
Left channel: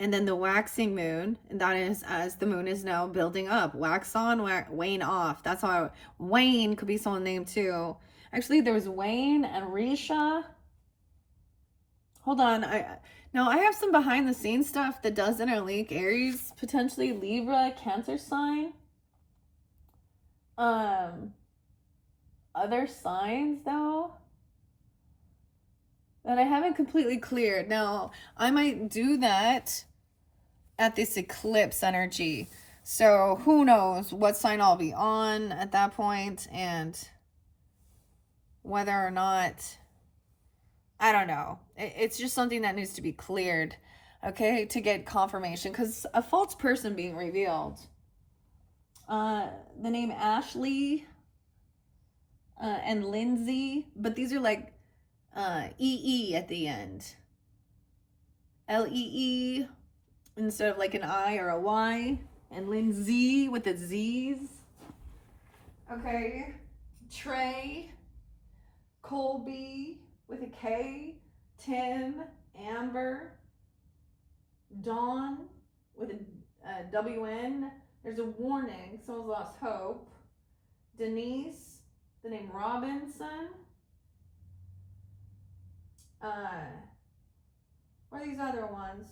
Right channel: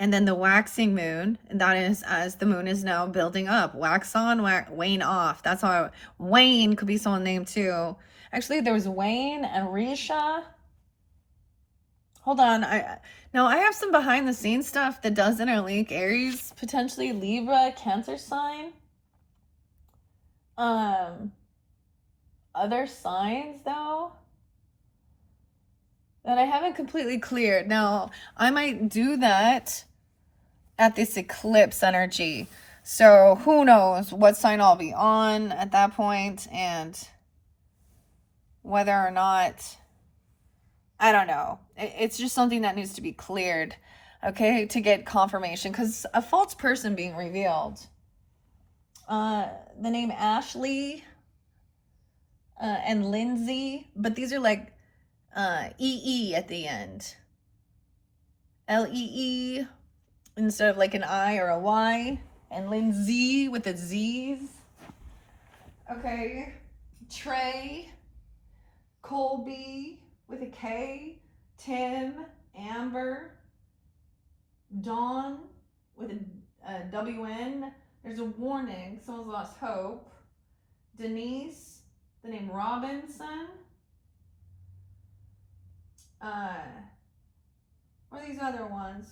And then the waxing moon, and that is as the moon is now building up. Wax on, wane off. That's how Wayne could be someone's name too. Actually, there was Wayne and Risha. Hold on. Now I have some behind the scenes stuff that does interlink Aries, potentially Libra, Cancer sign. Other signs though. that I haven't completely cleared. Now, I might do that at this eclipse energy. So who knows what sign I'll be on at that point and whether or not, I don't know. It's just something that needs to be cleared, okay, to get confirmation because a false person being revealed. The name Ashley and Lindsay, but these are like EE at the end. LEE instead of like an I or a Y. And Lindsay with the Z's. Okay. Trey, Colby with a K, Tim, Amber, Dawn with a WN. There's a warning, someone's lost hope. Denise, the name Robinson. What are these other ones?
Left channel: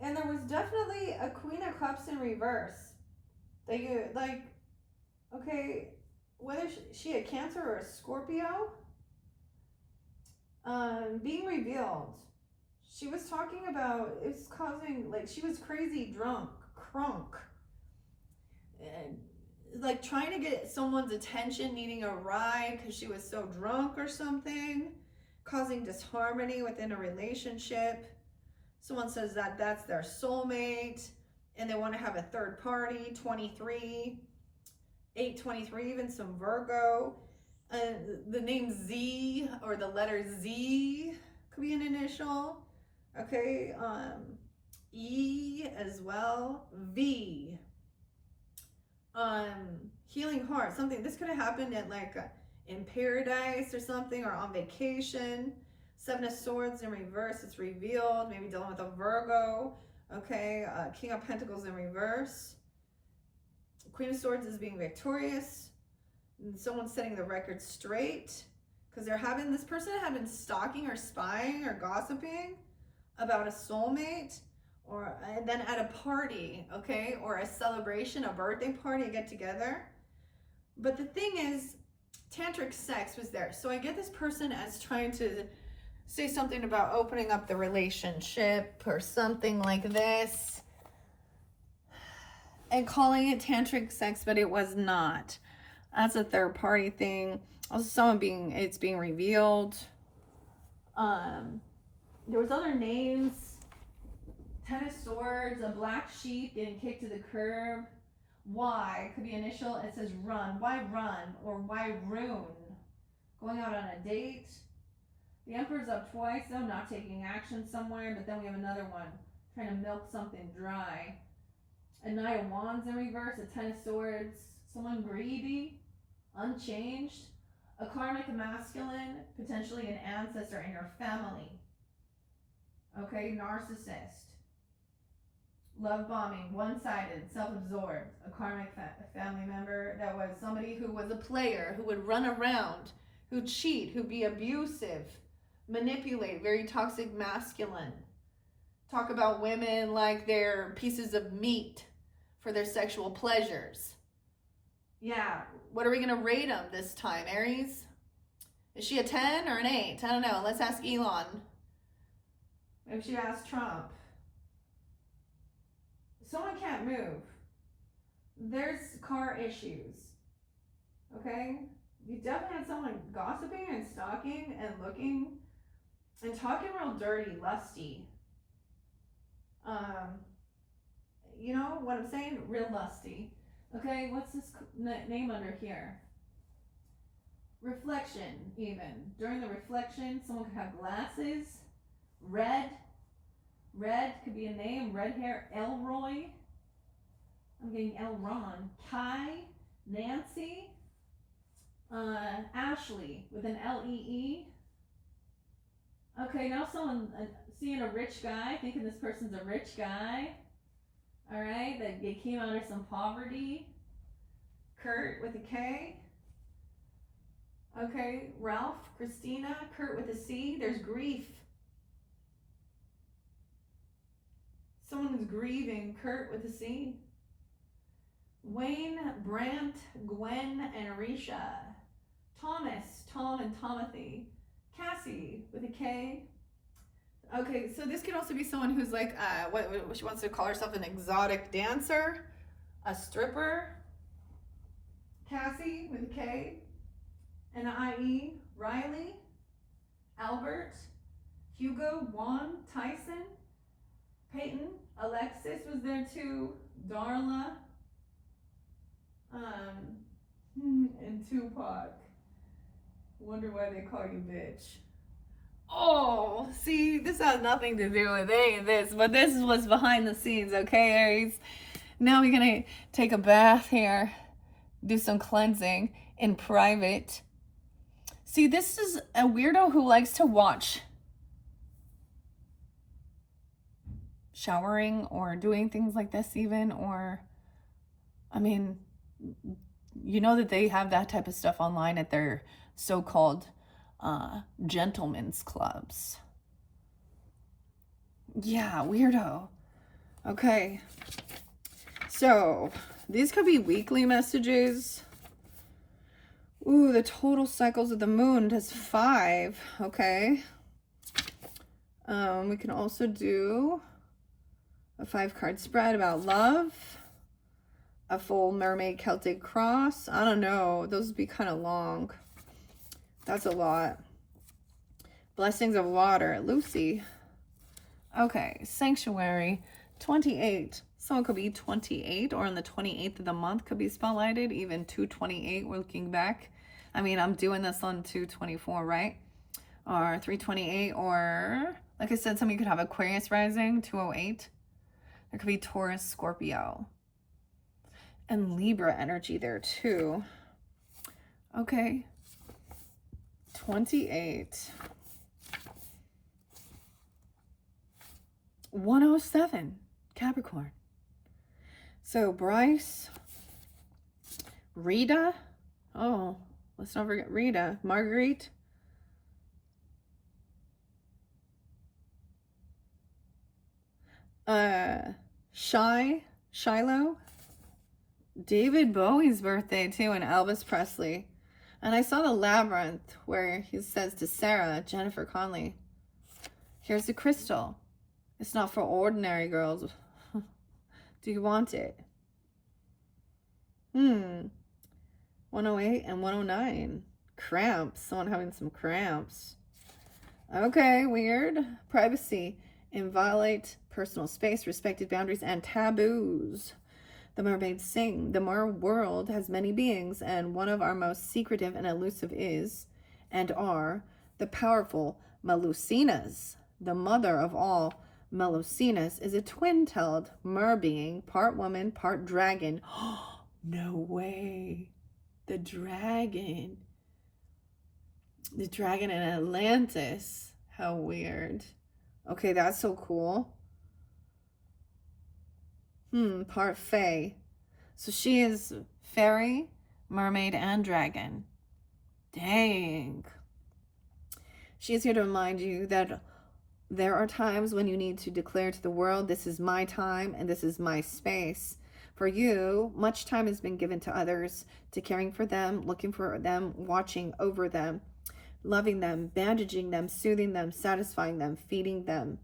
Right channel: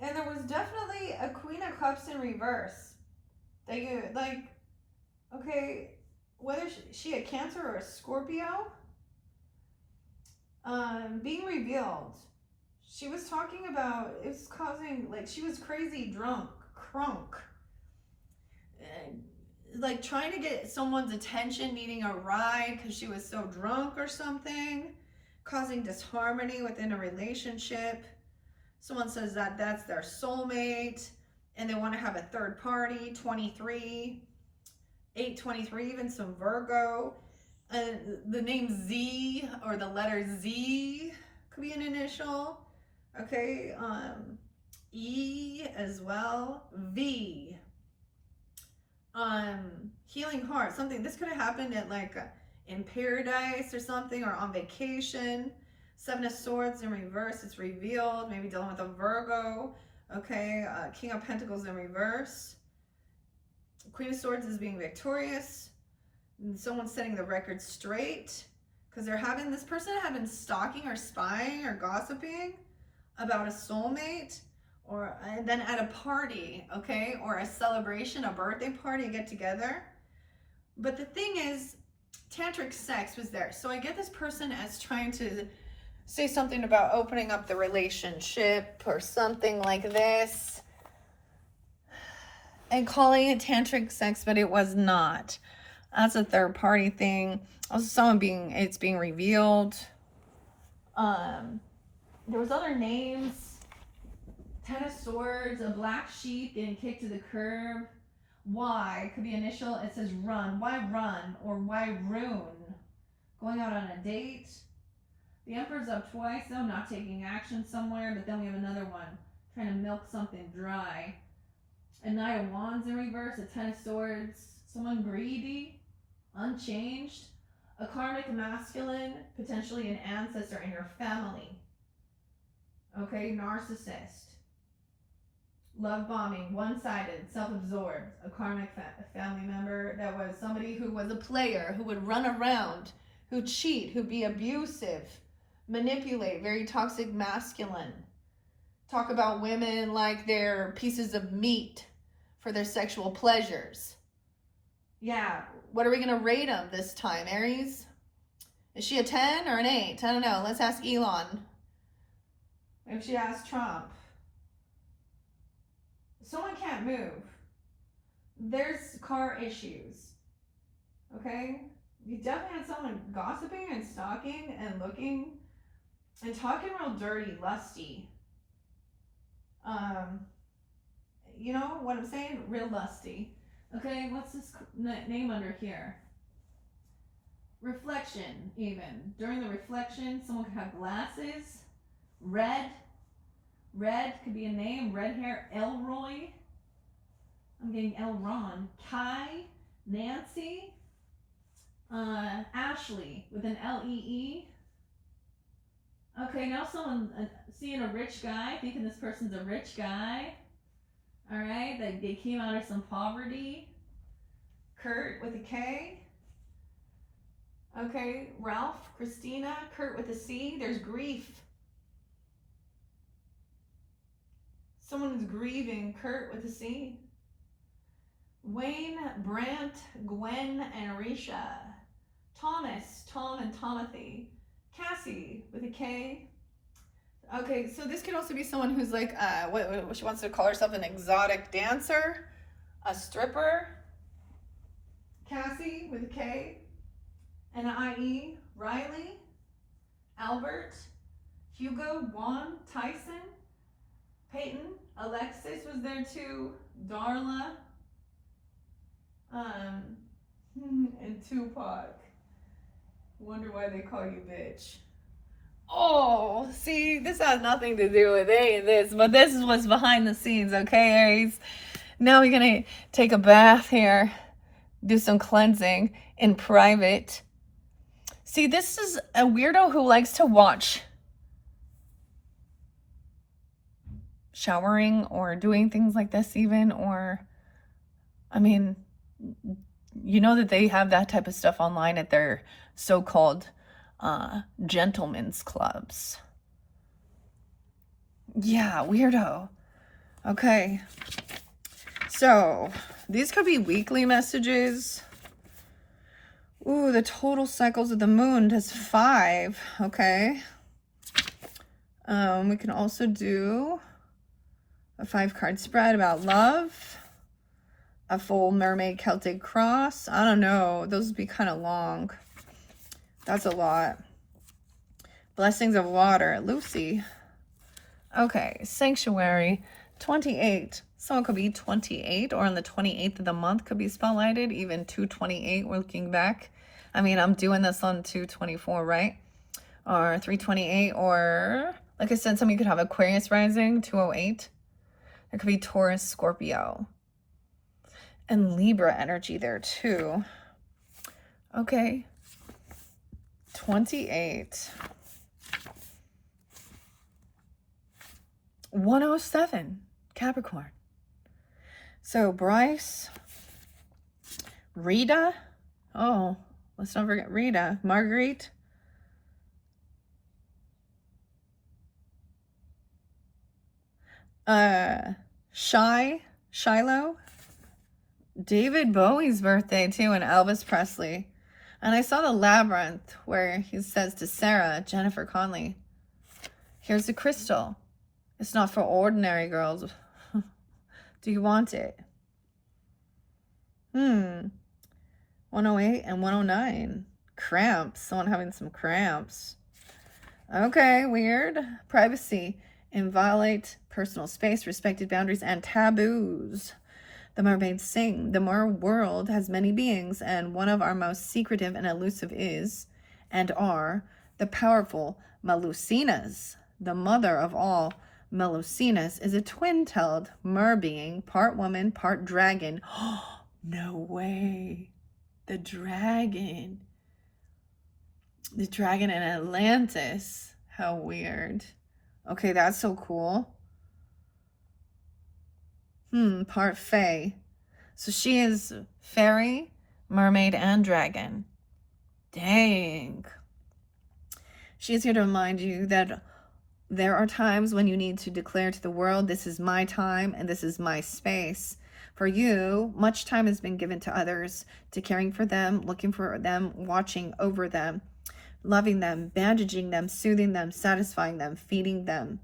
And there was definitely a Queen of Cups in reverse. They like, okay, whether she a Cancer or a Scorpio, being revealed. She was talking about it was causing like she was crazy drunk, crunk, like trying to get someone's attention, needing a ride because she was so drunk or something, causing disharmony within a relationship. Someone says that that's their soulmate and they want to have a third party. 23, 823, even some Virgo. The name Z or the letter Z could be an initial. Okay, E as well. V. Healing heart. Something this could have happened at like in paradise or something, or on vacation. Seven of Swords in reverse. It's revealed. Maybe dealing with a Virgo. Okay, King of Pentacles in reverse. Queen of Swords is being victorious. And someone's setting the record straight because they're having this person had been stalking or spying or gossiping about a soulmate, or and then at a party, okay, or a celebration, a birthday party, a get together. But the thing is, tantric sex was there. So I get this person as trying to say something about opening up the relationship or something like this and calling it tantric sex, but it was not. That's a third party thing. Also, it's being revealed. There was other names. Ten of Swords, a black sheep getting kicked to the curb. Why? Could be initial. It says run. Why run? Or why ruin? Going out on a date. The Emperor's up twice, though, not taking action somewhere. But then we have another one, trying to milk something dry. A Knight of Wands in reverse. A Ten of Swords. Someone greedy, unchanged. A karmic masculine, potentially an ancestor in your family. Okay, narcissist. Love bombing, one-sided, self-absorbed, a karmic family member that was somebody who was a player, who would run around, who'd cheat, who'd be abusive, manipulate, very toxic masculine. Talk about women like they're pieces of meat for their sexual pleasures. Yeah, what are we going to rate them this time, Aries? Is she a 10 or an 8? I don't know. Let's ask Elon. If she asks Trump. Someone can't move. There's car issues. Okay? You definitely had someone gossiping and stalking and looking and talking real dirty, lusty. You know what I'm saying? Real lusty. Okay, what's this name under here? Reflection, even. During the reflection, someone could have glasses. Red. Red could be a name. Red hair. Elroy. I'm getting Elron. Kai. Nancy. Ashley with an Lee. Okay, now someone seeing a rich guy, thinking this person's a rich guy. All right, that they came out of some poverty. Kurt with a K. Okay, Ralph, Christina, Kurt with a C. There's grief. Someone's grieving. Kurt with a C. Wayne, Brant, Gwen, and Risha. Thomas, Tom and Timothy. Cassie with a K. Okay, so this could also be someone who's like, what she wants to call herself, an exotic dancer, a stripper. Cassie with a K, and an IE. Riley, Albert, Hugo, Juan, Tyson, Peyton, Alexis was there too, Darla, and Tupac. Wonder why they call you bitch. Oh, see, this has nothing to do with any of this, but this is what's behind the scenes, okay, Aries? Now we're gonna take a bath here, do some cleansing in private. See, this is a weirdo who likes to watch showering or doing things like this even, or, I mean, you know that they have that type of stuff online at their so-called gentlemen's clubs. Yeah, weirdo. Okay. So, these could be weekly messages. Ooh, the total cycles of the moon does 5. Okay. We can also do a 5-card spread about love. A full mermaid Celtic cross. I don't know. Those would be kind of long. That's a lot. Blessings of water. Lucy. Okay. Sanctuary. 28. Someone could be 28, or on the 28th of the month could be spotlighted. Even 228. We're looking back. I mean, I'm doing this on 224, right? Or 328, or like I said, somebody could have Aquarius rising, 208. There could be Taurus, Scorpio, and Libra energy there too. Okay. 28. 107, Capricorn. So Bryce, Rita. Oh, let's not forget Rita. Marguerite. Shiloh. David Bowie's birthday too, and Elvis Presley. And I saw the Labyrinth where he says to Sarah, Jennifer Connelly, here's the crystal. It's not for ordinary girls. Do you want it? 108 and 109. Cramps. Someone having some cramps. Okay, weird. Privacy. Inviolate personal space, respected boundaries, and taboos. The mermaids sing. The mer world has many beings, and one of our most secretive and elusive is, and are, the powerful Melusinas. The mother of all Melusinas is a twin-tailed mer being, part woman, part dragon. No way. The dragon. The dragon in Atlantis. How weird. Okay, that's so cool. Part fae. So she is fairy, mermaid, and dragon. Dang. She's here to remind you that there are times when you need to declare to the world, this is my time and this is my space. For you, much time has been given to others, to caring for them, looking for them, watching over them, loving them, bandaging them, soothing them, satisfying them, feeding them.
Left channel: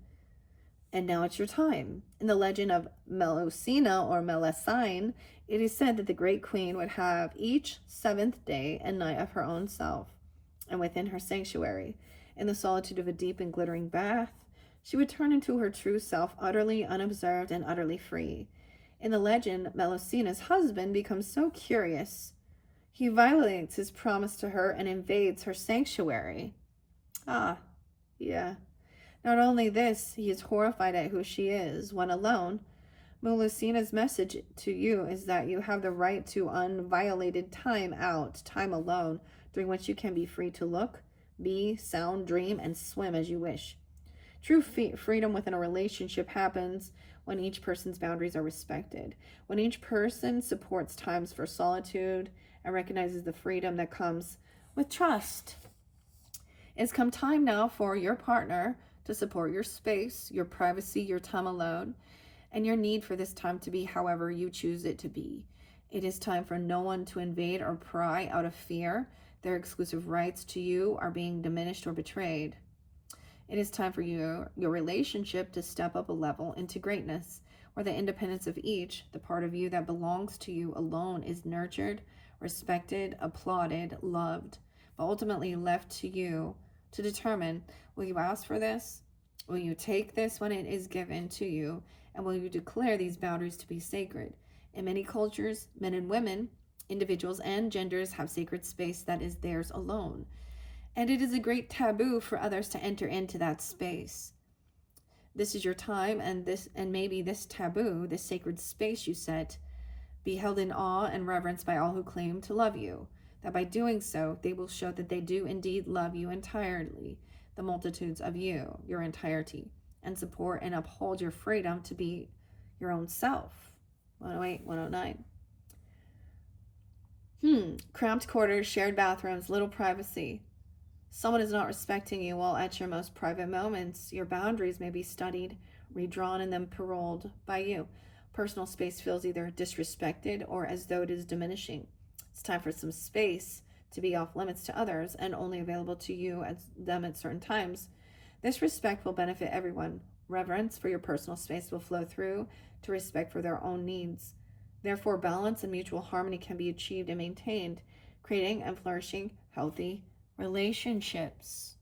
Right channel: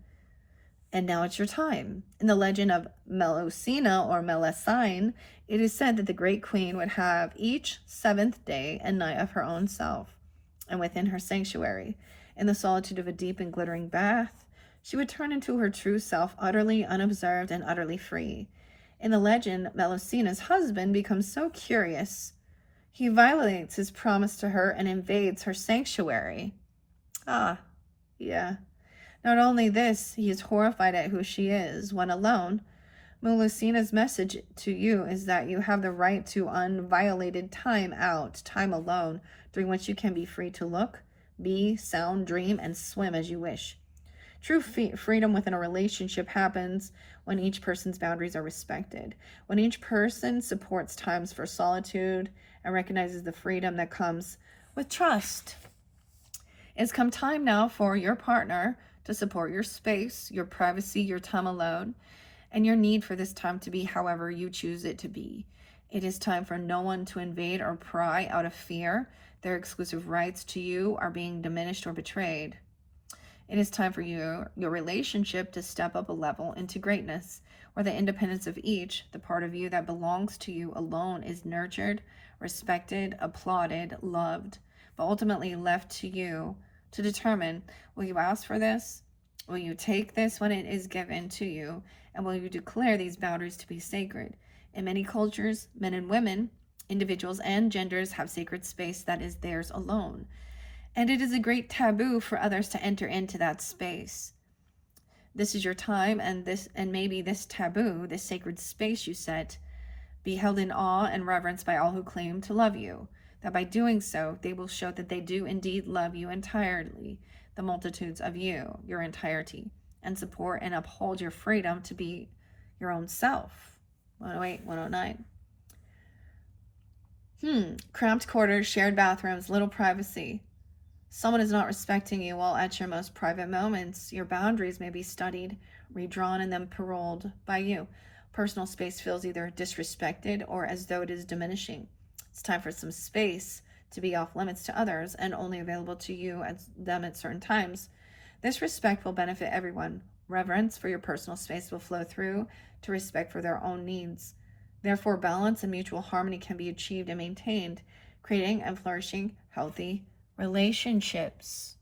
And now it's your time. In the legend of Melusina or Melusine, it is said that the great queen would have each 7th day and night of her own self, and within her sanctuary, in the solitude of a deep and glittering bath, she would turn into her true self, utterly unobserved and utterly free. In the legend, Melusina's husband becomes so curious, he violates his promise to her and invades her sanctuary. Yeah. Not only this, he is horrified at who she is. When alone, Melusina's message to you is that you have the right to unviolated time out, time alone, during which you can be free to look, be, sound, dream, and swim as you wish. True freedom within a relationship happens when each person's boundaries are respected, when each person supports times for solitude and recognizes the freedom that comes with trust. It's come time now for your partner to support your space, your privacy, your time alone, and your need for this time to be however you choose it to be. It is time for no one to invade or pry out of fear. Their exclusive rights to you are being diminished or betrayed. It is time for your relationship to step up a level into greatness, where the independence of each, the part of you that belongs to you alone, is nurtured, respected, applauded, loved, but ultimately left to you to determine, will you ask for this? Will you take this when it is given to you? And will you declare these boundaries to be sacred? In many cultures, men and women, individuals and genders have sacred space that is theirs alone. And it is a great taboo for others to enter into that space. This is your time, and maybe this taboo, this sacred space you set, be held in awe and reverence by all who claim to love you. That by doing so, they will show that they do indeed love you entirely, the multitudes of you, your entirety, and support and uphold your freedom to be your own self. 108, 109. Cramped quarters, shared bathrooms, little privacy. Someone is not respecting you while at your most private moments. Your boundaries may be studied, redrawn, and then paroled by you. Personal space feels either disrespected or as though it is diminishing. It's time for some space to be off limits to others and only available to you at certain times. This respect will benefit everyone. Reverence for your personal space will flow through to respect for their own needs. Therefore, balance and mutual harmony can be achieved and maintained, creating and flourishing healthy relationships.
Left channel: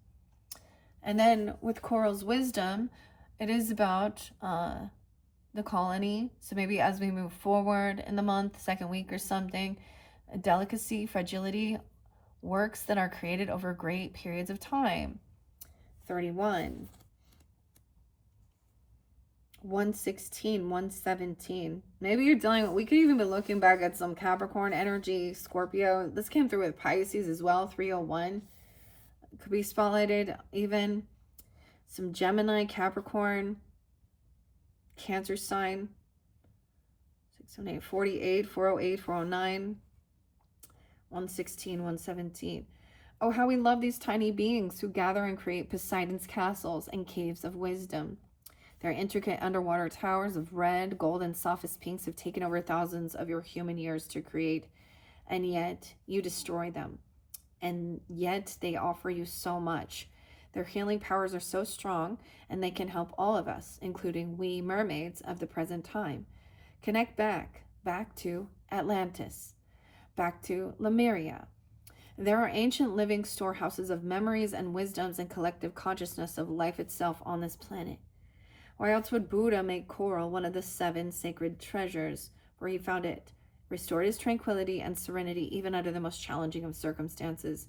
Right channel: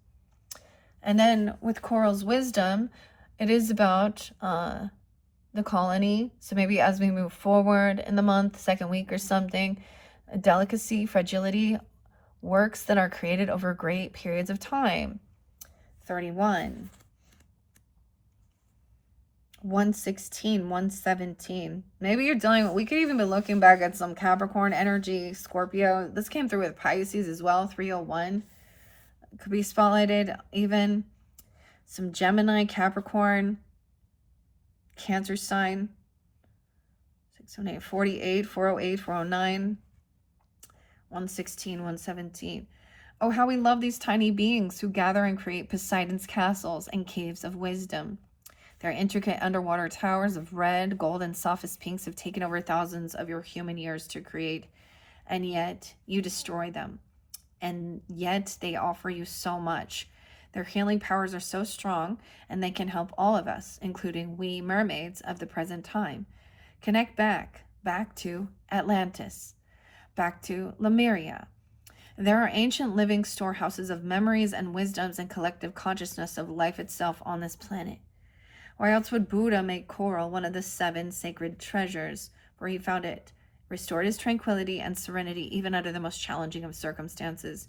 And then with Coral's wisdom, it is about the colony. So maybe as we move forward in the month, second week or something, delicacy, fragility, works that are created over great periods of time. 31. 116, 117. Maybe you're dealing with, we could even be looking back at some Capricorn energy, Scorpio. This came through with Pisces as well, 301. Could be spotlighted. Even some Gemini, Capricorn, Cancer sign. 678, 48, 408, 409, 116, 117. Oh, how we love these tiny beings who gather and create Poseidon's castles and caves of wisdom. Their intricate underwater towers of red, gold, and softest pinks have taken over thousands of your human years to create, and yet you destroy them. And yet they offer you so much. Their healing powers are so strong, and they can help all of us, including we mermaids of the present time. Connect back to Atlantis, back to Lemuria. There are ancient living storehouses of memories and wisdoms and collective consciousness of life itself on this planet. Why else would Buddha make coral one of the 7 sacred treasures, where he found it restored his tranquility and serenity even under the most challenging of circumstances?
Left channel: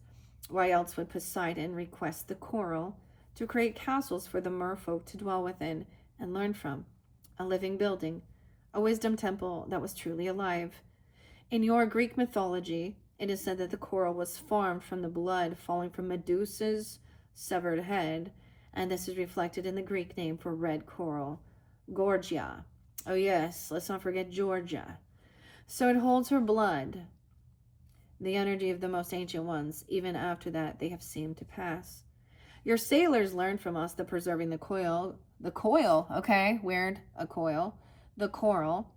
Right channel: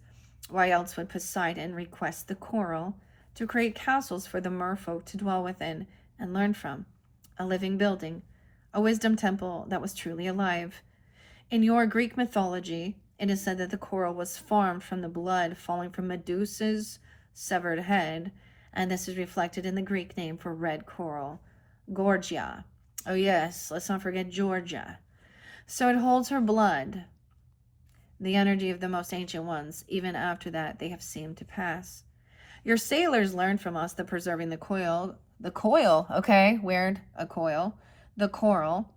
Why else would Poseidon request the coral to create castles for the merfolk to dwell within and learn from? A living building, a wisdom temple that was truly alive. In your Greek mythology, it is said that the coral was formed from the blood falling from Medusa's severed head, and this is reflected in the Greek name for red coral, Gorgia. Oh yes, let's not forget Georgia. So it holds her blood, the energy of the most ancient ones. Even after that, they have seemed to pass. Your sailors learned from us that preserving the coral, okay, weird, a coil, the coral,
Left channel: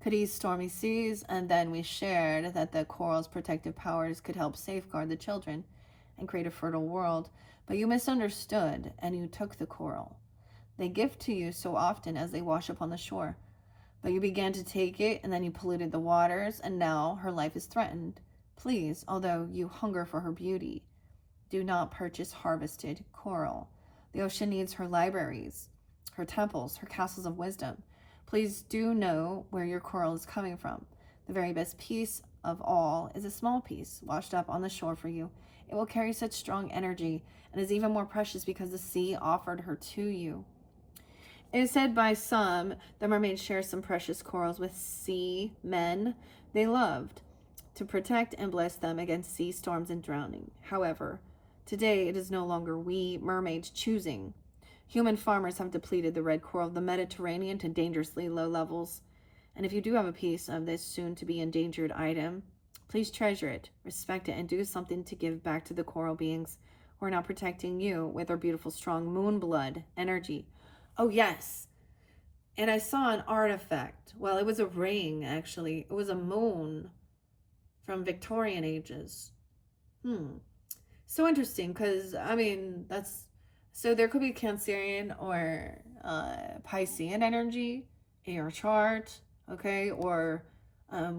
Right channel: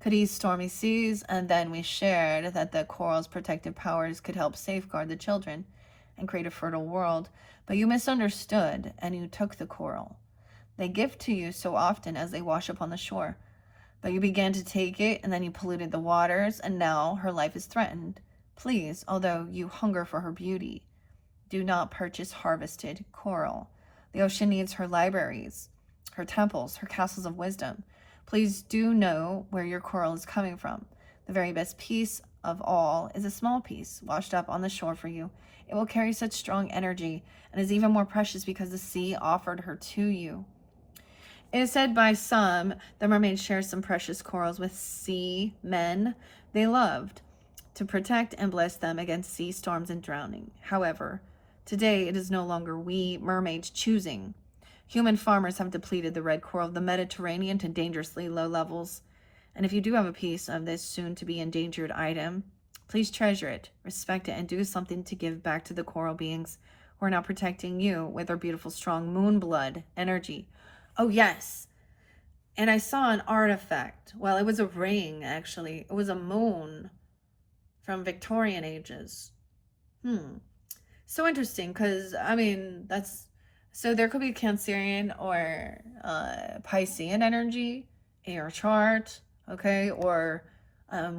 could ease stormy seas, and then we shared that the coral's protective powers could help safeguard the children and create a fertile world. But you misunderstood, and you took the coral. They gift to you so often as they wash up on the shore. But you began to take it, and then you polluted the waters, and now her life is threatened. Please, although you hunger for her beauty, do not purchase harvested coral. The ocean needs her libraries, her temples, her castles of wisdom. Please do know where your coral is coming from. The very best piece of all is a small piece washed up on the shore for you. It will carry such strong energy and is even more precious because the sea offered her to you. It is said by some the mermaids share some precious corals with sea men they loved to protect and bless them against sea storms and drowning. However, today it is no longer we mermaids choosing. Human farmers have depleted the red coral of the Mediterranean to dangerously low levels. And if you do have a piece of this soon-to-be endangered item, please treasure it, respect it, and do something to give back to the coral beings who are now protecting you with their beautiful, strong moon blood energy. Oh, yes. And I saw an artifact. Well, it was a ring, actually. It was a moon from Victorian ages. Hmm. So interesting, because, I mean, that's... So there could be Cancerian or Piscean energy in your chart, okay? Or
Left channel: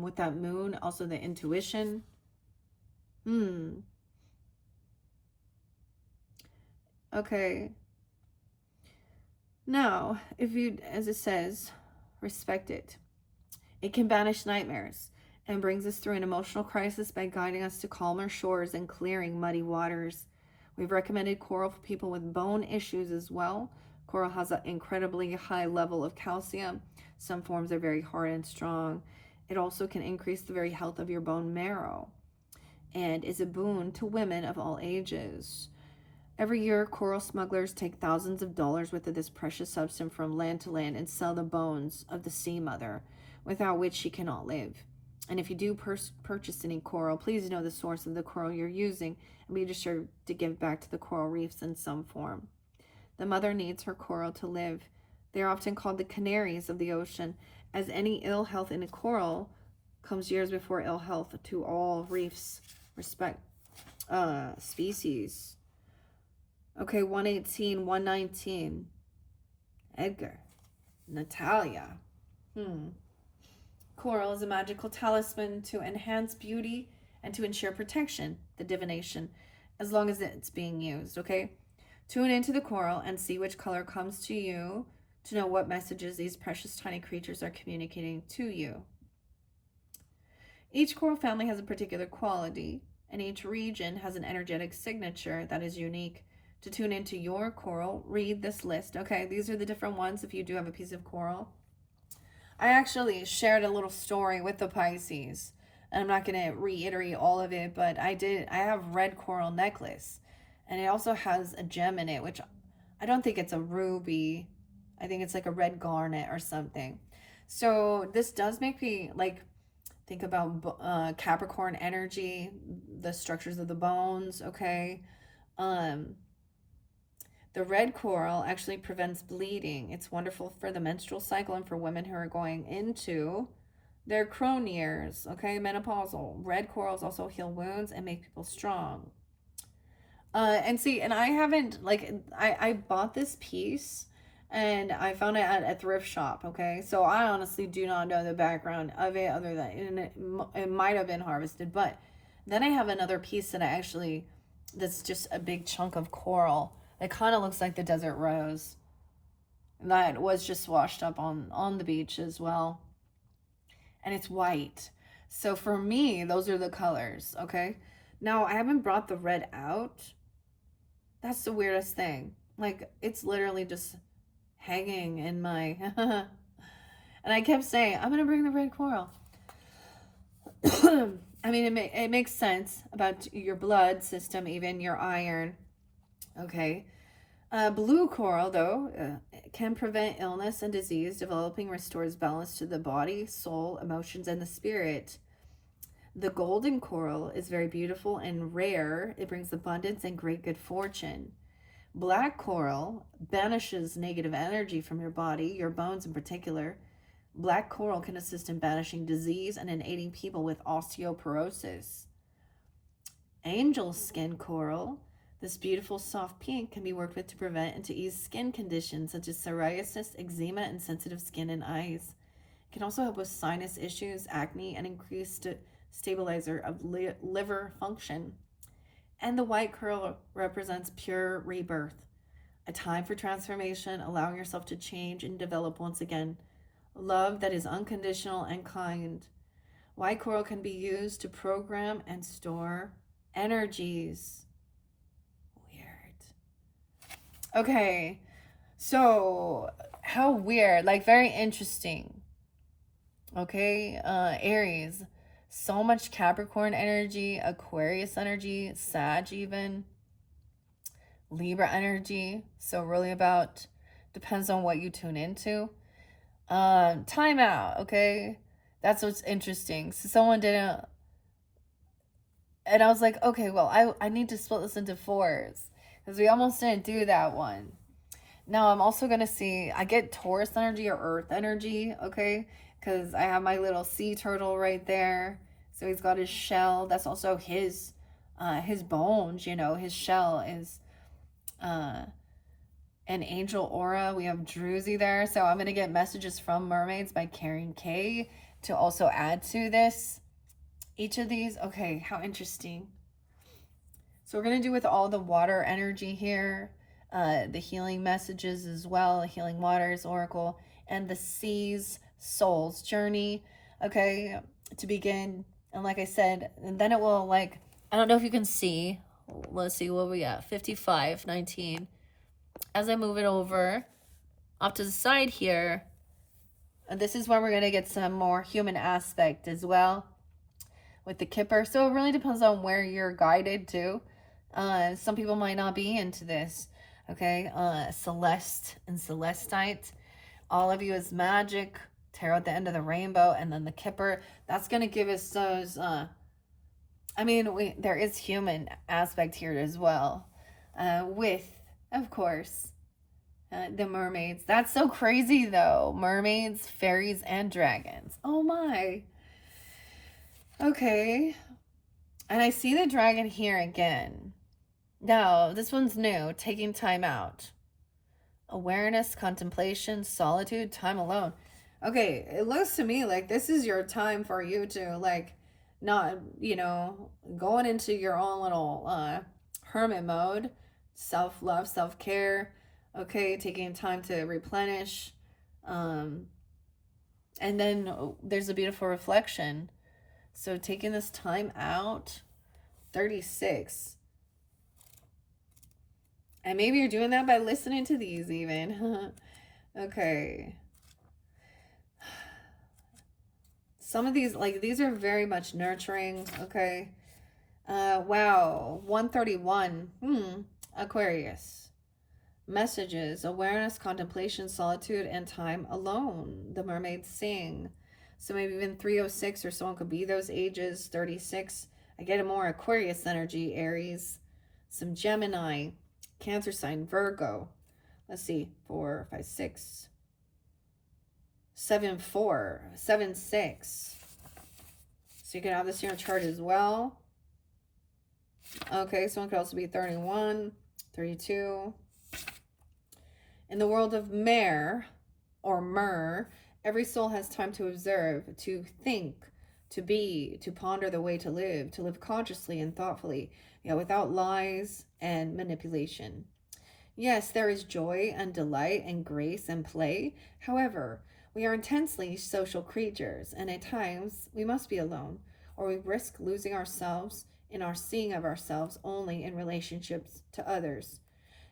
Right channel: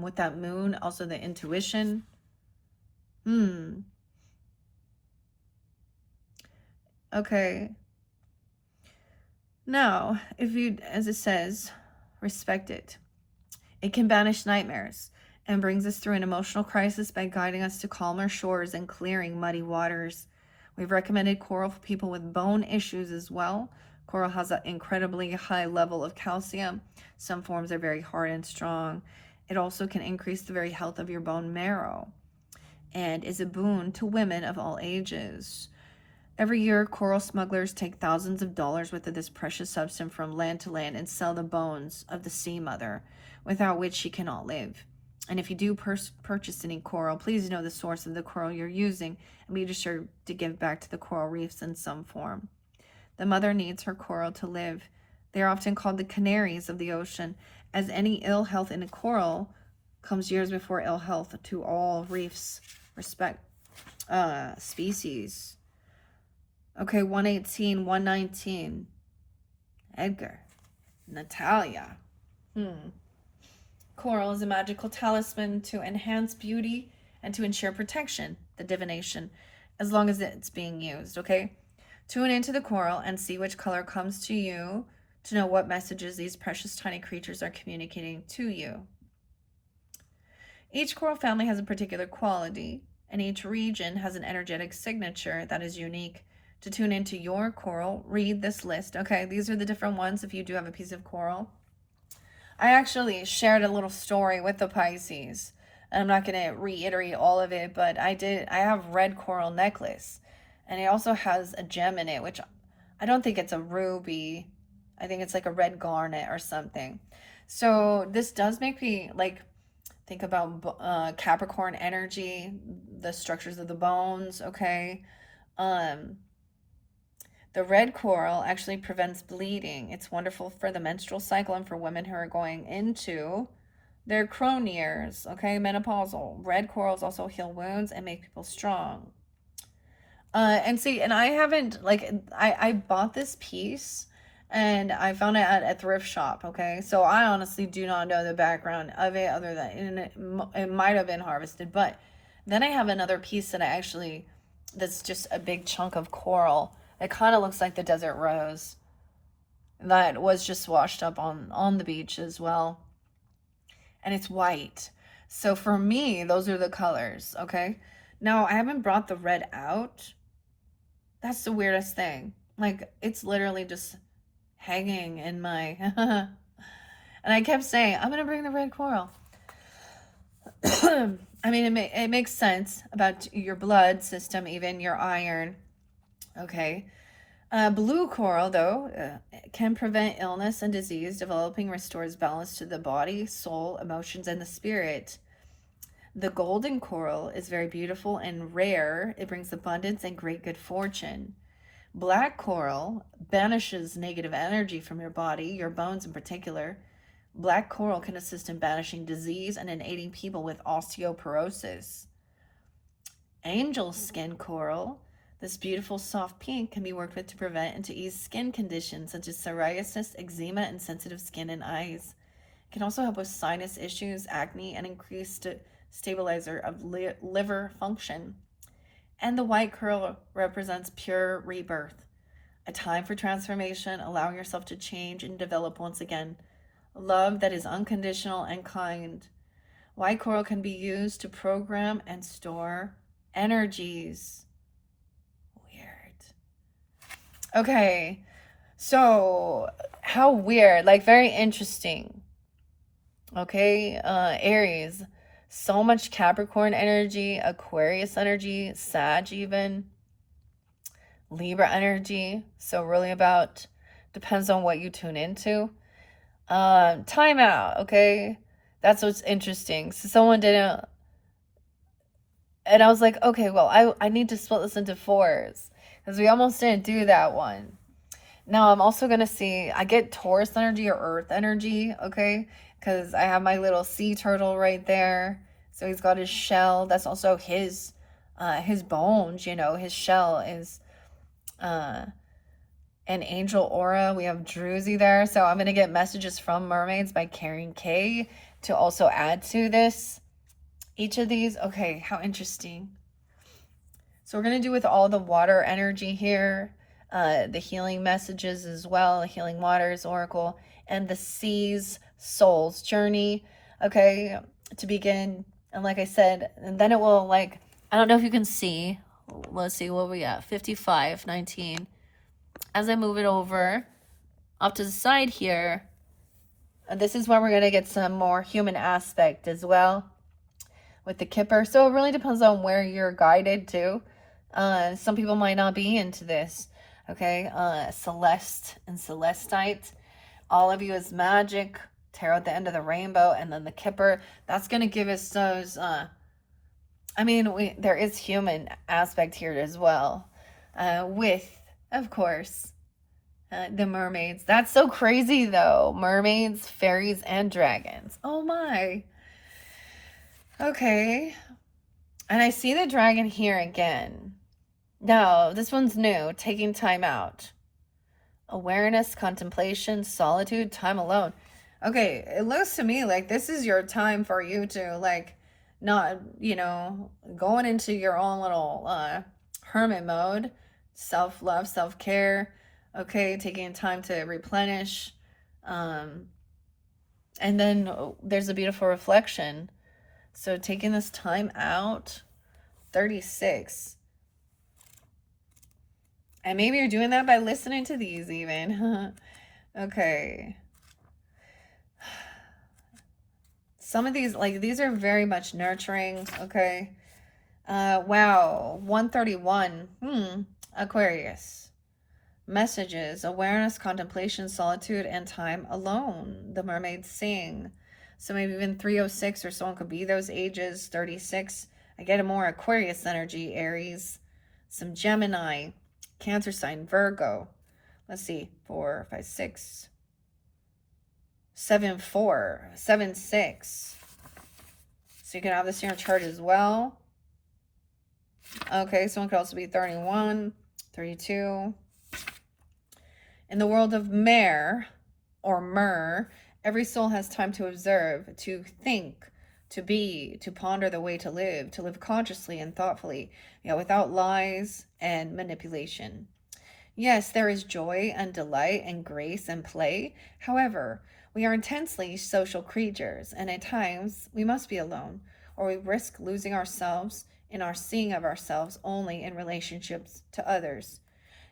with that moon, also the intuition. Hmm. Okay. Now, if you, as it says, respect it, it can banish nightmares and brings us through an emotional crisis by guiding us to calmer shores and clearing muddy waters. We've recommended coral for people with bone issues as well. Coral has an incredibly high level of calcium. Some forms are very hard and strong. It also can increase the very health of your bone marrow and is a boon to women of all ages. Every year, coral smugglers take thousands of dollars worth of this precious substance from land to land and sell the bones of the sea mother, without which she cannot live. And if you do purchase any coral, please know the source of the coral you're using and be sure to give back to the coral reefs in some form. The mother needs her coral to live. They are often called the canaries of the ocean, as any ill health in a coral comes years before ill health to all reefs respect species. Okay, 118, 119. Edgar. Natalia. Coral is a magical talisman to enhance beauty and to ensure protection, the divination, as long as it's being used, okay? Tune into the coral and see which color comes to you to know what messages these precious tiny creatures are communicating to you. Each coral family has a particular quality, and each region has an energetic signature that is unique. To tune into your coral, read this list. Okay, these are the different ones if you do have a piece of coral. I actually shared a little story with the Pisces. I'm not going to reiterate all of it, but I have red coral necklace, and it also has a gem in it, which I don't think it's a ruby. I think it's like a red garnet or something. So this does make me like think about Capricorn energy, the structures of the bones, okay? Um, the red coral actually prevents bleeding. It's wonderful for the menstrual cycle and for women who are going into their crone years, okay? Menopausal. Red corals also heal wounds and make people strong. And see, and I haven't, like, I bought this piece and I found it at a thrift shop, okay? So I honestly do not know the background of it other than it might have been harvested. But then I have another piece that that's just a big chunk of coral. It kind of looks like the desert rose that was just washed up on the beach as well. And it's white. So for me, those are the colors, okay? Now, I haven't brought the red out. That's the weirdest thing. Like, it's literally just hanging in my. And I kept saying, I'm going to bring the red coral. I mean, it makes sense about your blood system, even your iron. Okay. Blue coral, though, can prevent illness and disease. Developing restores balance to the body, soul, emotions, and the spirit. The golden coral is very beautiful and rare. It brings abundance and great good fortune. Black coral banishes negative energy from your body, your bones in particular. Black coral can assist in banishing disease and in aiding people with osteoporosis. Angel skin coral. This beautiful soft pink can be worked with to prevent and to ease skin conditions such as psoriasis, eczema, and sensitive skin and eyes. It can also help with sinus issues, acne, and increased stabilizer of liver function. And the white coral represents pure rebirth, a time for transformation, allowing yourself to change and develop once again. Love that is unconditional and kind. White coral can be used to program and store energies. Weird. Okay, so how weird, like very interesting. Okay, Aries, so much Capricorn energy, Aquarius energy, Sag even, Libra energy. So really about depends on what you tune into. Time out, okay? That's what's interesting. So someone didn't, and I was like, okay, well, I need to split this into fours because we almost didn't do that one. Now I'm also gonna see, I get Taurus energy or Earth energy, okay? Because I have my little sea turtle right there. So he's got his shell. That's also his bones, you know, his shell is uh an angel aura. We have Druzy there. So I'm gonna get messages from Mermaids by Karen K to also add to this. Each of these, okay, how interesting. So we're going to do with all the water energy here, the healing messages as well, healing waters, oracle, and the seas, soul's journey. Okay, to begin. And like I said, and then it will like, I don't know if you can see. Let's see what we got. 55, 19. As I move it over off to the side here, this is where we're going to get some more human aspect as well with the kipper. So it really depends on where you're guided to. Some people might not be into this. Okay, Celeste and Celestite. All of you is magic. Tarot at the end of the rainbow, and then the kipper. That's gonna give us those. I mean, there is human aspect here as well, with, of course, the mermaids. That's so crazy though. Mermaids, fairies, and dragons. Oh my. Okay. And I see the dragon here again. No, this one's new. Taking time out. Awareness, contemplation, solitude, time alone. Okay, it looks to me like this is your time for you to, like, not, you know, going into your own little hermit mode. Self-love, self-care. Okay, taking time to replenish. And then there's a beautiful reflection. So taking this time out, 36. And maybe you're doing that by listening to these even. Okay. Some of these, like, these are very much nurturing. Okay. Wow. 131. Aquarius. Messages, awareness, contemplation, solitude, and time alone. The mermaids sing. So maybe even 306 or someone could be those ages. 36. I get a more Aquarius energy, Aries. Some Gemini. Cancer sign, Virgo. Let's see, 4, 5, 6, 7, 4, 7, 6. So you can have this in your chart as well. Okay, someone could also be 31, 32. In the world of Mer, or Mer, every soul has time to observe, to think, to be, to ponder the way to live consciously and thoughtfully, without lies and manipulation. Yes, there is joy and delight and grace and play. However, we are intensely social creatures, and at times we must be alone, or we risk losing ourselves in our seeing of ourselves only in relationships to others.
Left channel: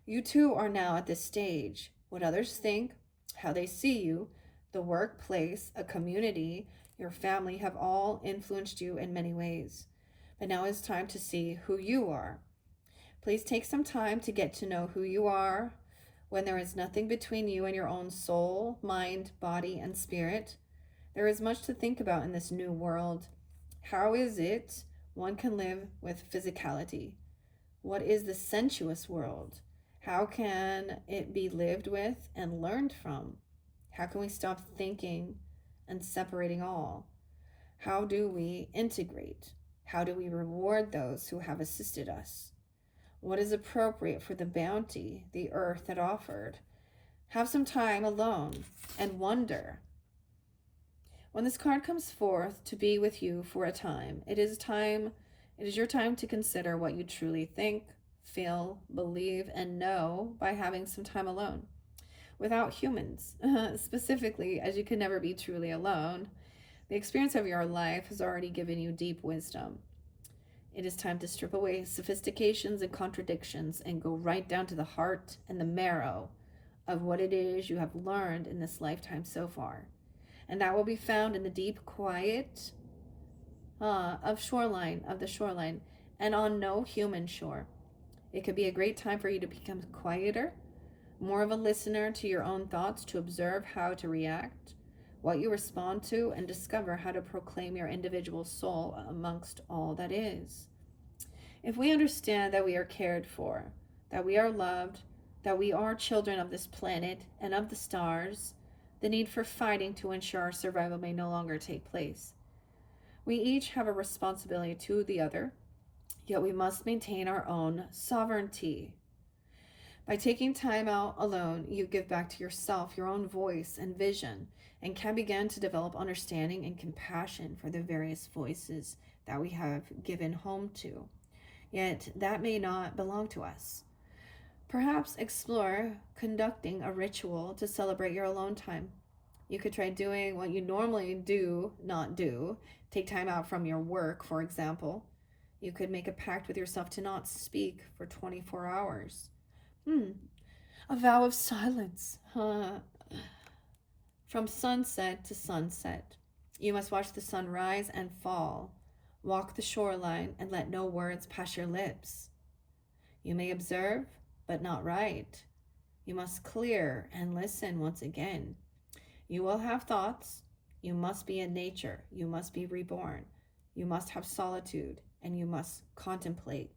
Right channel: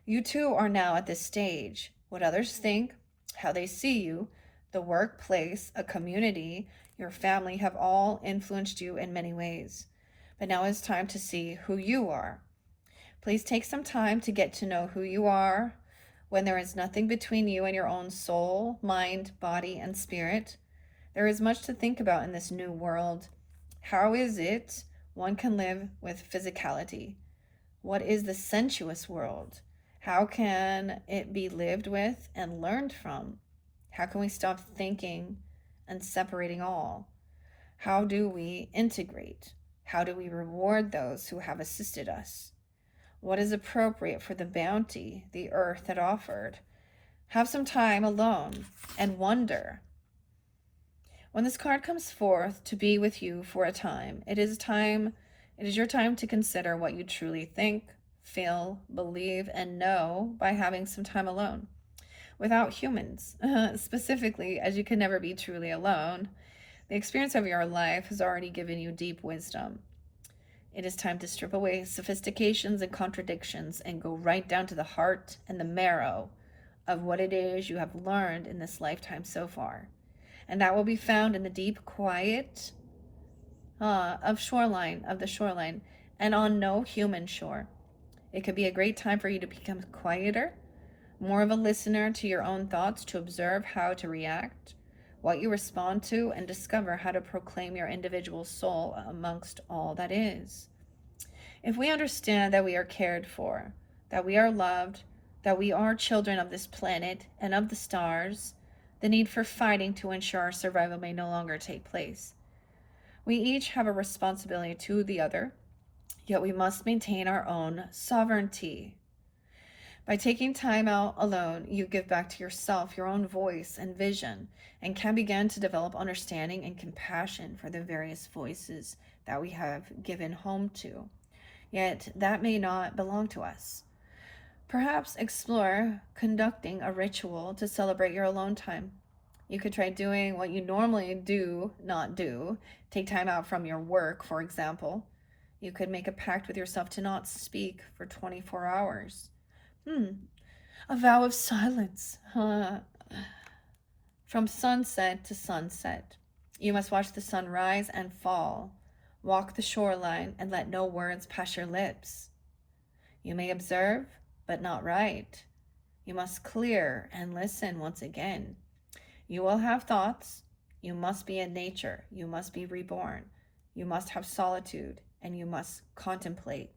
You too are now at this stage. What others think, how they see you, the workplace, a community, your family have all influenced you in many ways. But now it's time to see who you are. Please take some time to get to know who you are when there is nothing between you and your own soul, mind, body, and spirit. There is much to think about in this new world. How is it one can live with physicality? What is the sensuous world? How can it be lived with and learned from? How can we stop thinking and separating all? How do we integrate? How do we reward those who have assisted us? What is appropriate for the bounty the earth had offered? Have some time alone and wonder. When this card comes forth to be with you for a time, it is your time to consider what you truly think, feel, believe, and know by having some time alone. Without humans, specifically, as you can never be truly alone, the experience of your life has already given you deep wisdom. It is time to strip away sophistications and contradictions and go right down to the heart and the marrow of what it is you have learned in this lifetime so far. And that will be found in the deep quiet of the shoreline, and on no human shore. It could be a great time for you to become quieter, more of a listener to your own thoughts, to observe how to react, what you respond to, and discover how to proclaim your individual soul amongst all that is. If we understand that we are cared for, that we are loved, that we are children of this planet and of the stars, the need for fighting to ensure our survival may no longer take place. We each have a responsibility to the other, yet we must maintain our own sovereignty. By taking time out alone, you give back to yourself your own voice and vision, and can begin to develop understanding and compassion for the various voices that we have given home to. Yet that may not belong to us. Perhaps explore conducting a ritual to celebrate your alone time. You could try doing what you normally do not do. Take time out from your work, for example. You could make a pact with yourself to not speak for 24 hours. A vow of silence. From sunset to sunset. You must watch the sun rise and fall. Walk the shoreline and let no words pass your lips. You may observe, but not write. You must clear and listen once again. You will have thoughts. You must be in nature. You must be reborn. You must have solitude, and you must contemplate.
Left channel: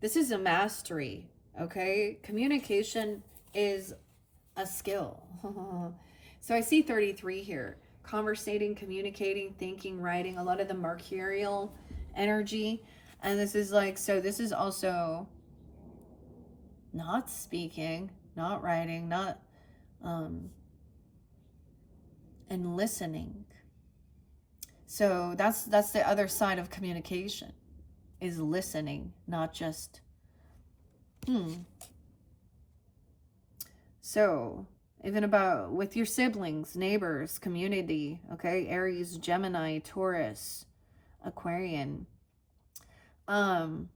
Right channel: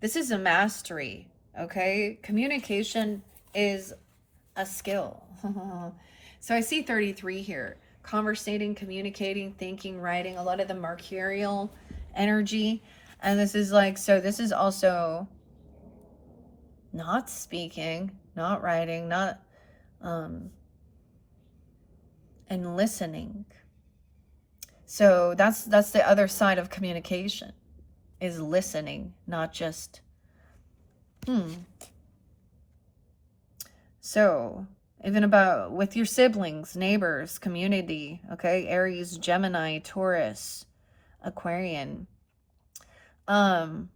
This is a mastery, okay? Communication is a skill. So I see 33 here. Conversating, communicating, thinking, writing, a lot of the mercurial energy. And this is like, so this is also not speaking, not writing, not, and listening. So that's the other side of communication, is listening, not just, So even about with your siblings, neighbors, community, okay? Aries, Gemini, Taurus, Aquarian. Wow,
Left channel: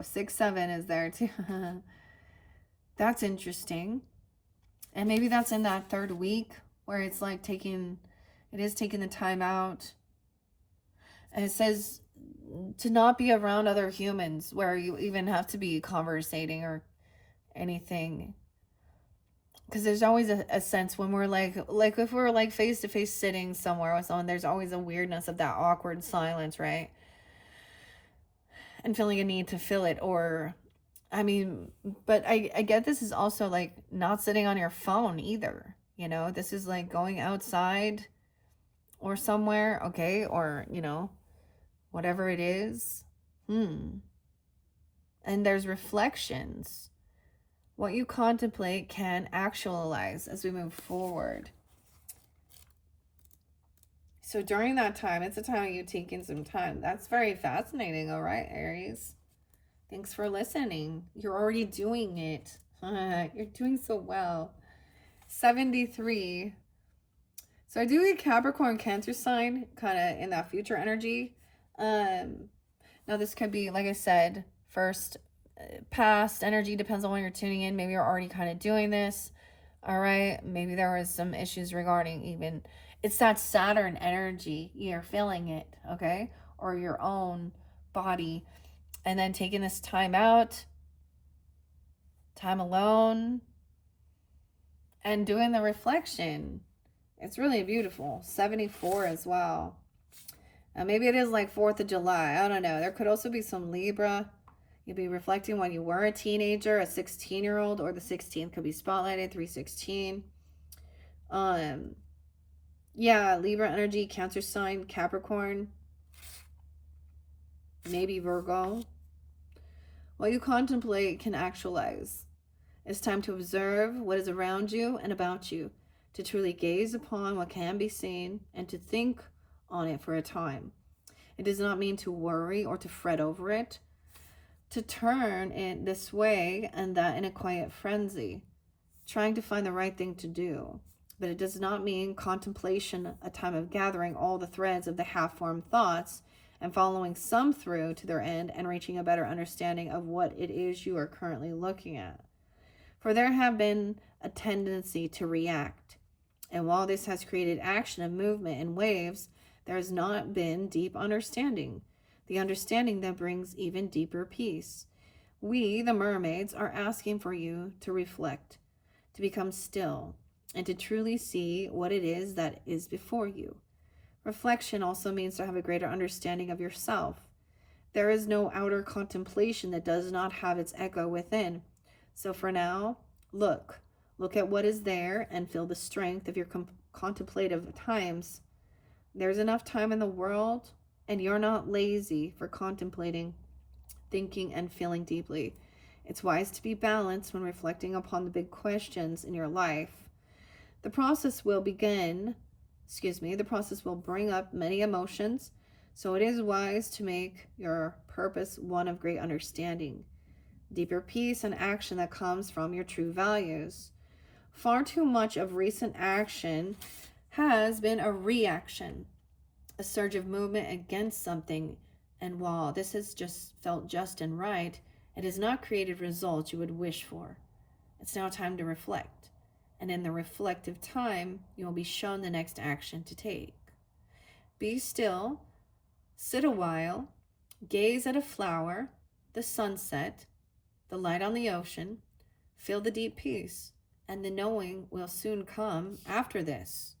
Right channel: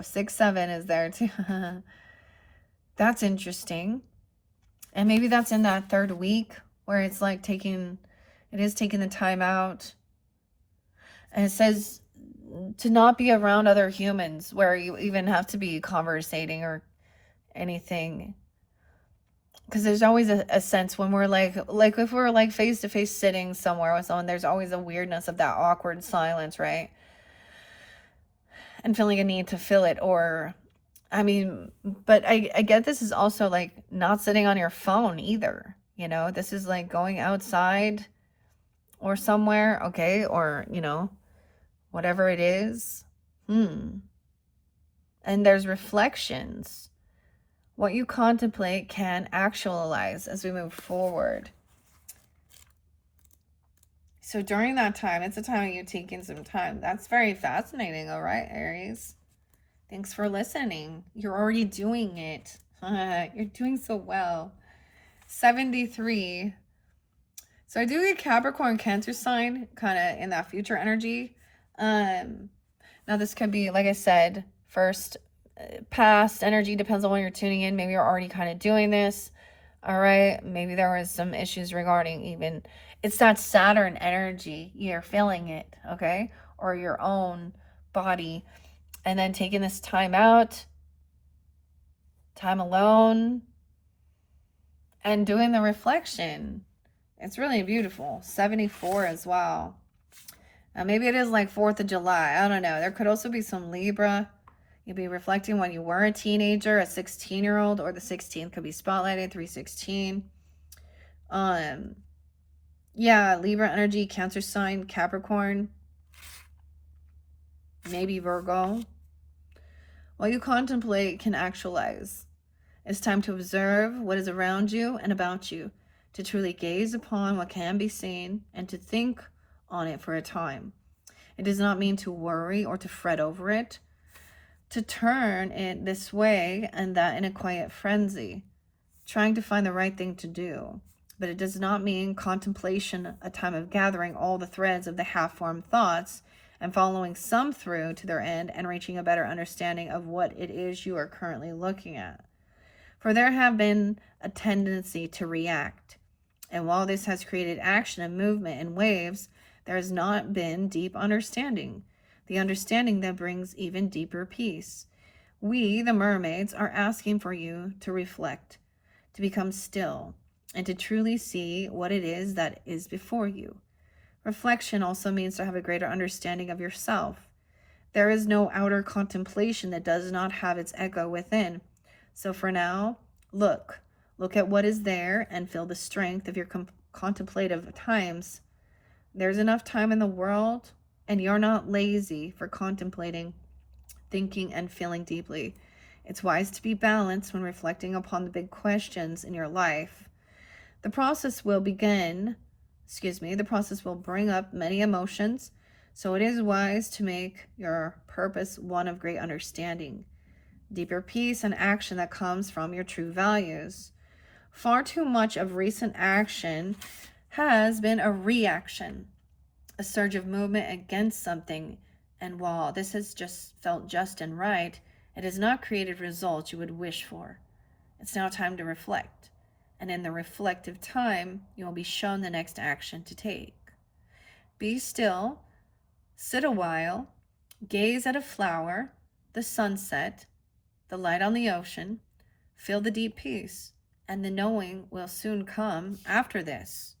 6-7 is there too. That's interesting. And maybe that's in that third week where it's like taking the time out. And it says to not be around other humans where you even have to be conversating or anything. Because there's always a sense when we're like if we're like face to face sitting somewhere with someone, there's always a weirdness of that awkward silence, right? And feeling a need to fill it. Or I mean, but I get this is also like not sitting on your phone either. You know, this is like going outside or somewhere, okay? Or, you know, whatever it is. And there's reflections. What you contemplate can actualize as we move forward. So during that time, it's a time of you taking some time. That's very fascinating, all right, Aries? Thanks for listening. You're already doing it. You're doing so well. 73. So I do get Capricorn, Cancer sign, kind of in that future energy. Now this could be, like I said, first, past energy, depends on when you're tuning in. Maybe you're already kind of doing this. All right. Maybe there was some issues regarding even, it's that Saturn energy. You're feeling it. Okay. Or your own body. And then taking this time out, time alone, and doing the reflection. It's really beautiful. 74 as well. Now maybe it is like 4th of July. I don't know. There could also be some Libra. You'd be reflecting when you were a teenager, a 16-year-old, or the 16th could be spotlighted, 316. Yeah, Libra energy, Cancer sign, Capricorn, maybe Virgo. What you contemplate can actualize. It's time to observe what is around you and about you, to truly gaze upon what can be seen, and to think on it for a time. It does not mean to worry or to fret over it, to turn it this way and that in a quiet frenzy, trying to find the right thing to do. But it does not mean contemplation, a time of gathering all the threads of the half-formed thoughts and following some through to their end and reaching a better understanding of what it is you are currently looking at. For there have been a tendency to react. And while this has created action and movement in waves, there has not been deep understanding. The understanding that brings even deeper peace. We, the mermaids, are asking for you to reflect, to become still, and to truly see what it is that is before you. Reflection also means to have a greater understanding of yourself, There is no outer contemplation that does not have its echo within. So for now, look. Look at what is there and feel the strength of your contemplative times. There's enough time in the world, and you're not lazy for contemplating, thinking, and feeling deeply. It's wise to be balanced when reflecting upon the big questions in your life. The process will the process will bring up many emotions, so it is wise to make your purpose one of great understanding, deeper peace, and action that comes from your true values. Far too much of recent action has been a reaction, a surge of movement against something, and while this has just felt just and right, it has not created results you would wish for. It's now time to reflect, and in the reflective time, you will be shown the next action to take. Be still, sit a while, gaze at a flower, the sunset, the light on the ocean, feel the deep peace, and the knowing will soon come after this.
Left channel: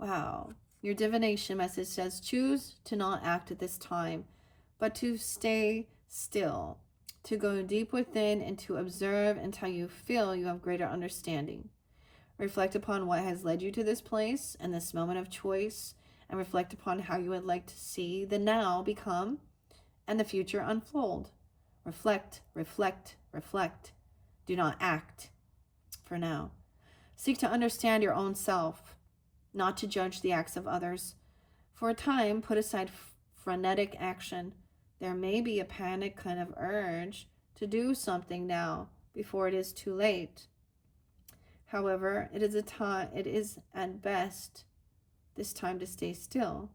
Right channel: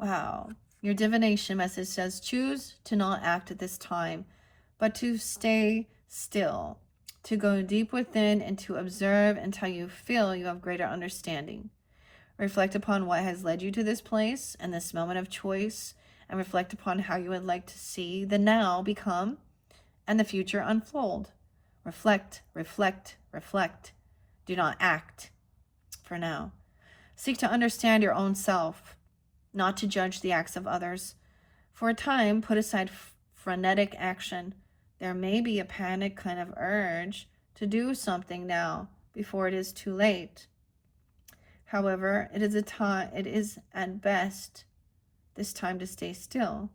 Wow. Your divination message says, choose to not act at this time, but to stay still, to go deep within and to observe until you feel you have greater understanding. Reflect upon what has led you to this place and this moment of choice, and reflect upon how you would like to see the now become and the future unfold. Reflect, reflect, reflect. Do not act for now. Seek to understand your own self, not to judge the acts of others. For a time, put aside frenetic action. There may be a panic kind of urge to do something now before it is too late. However, it is at best this time to stay still.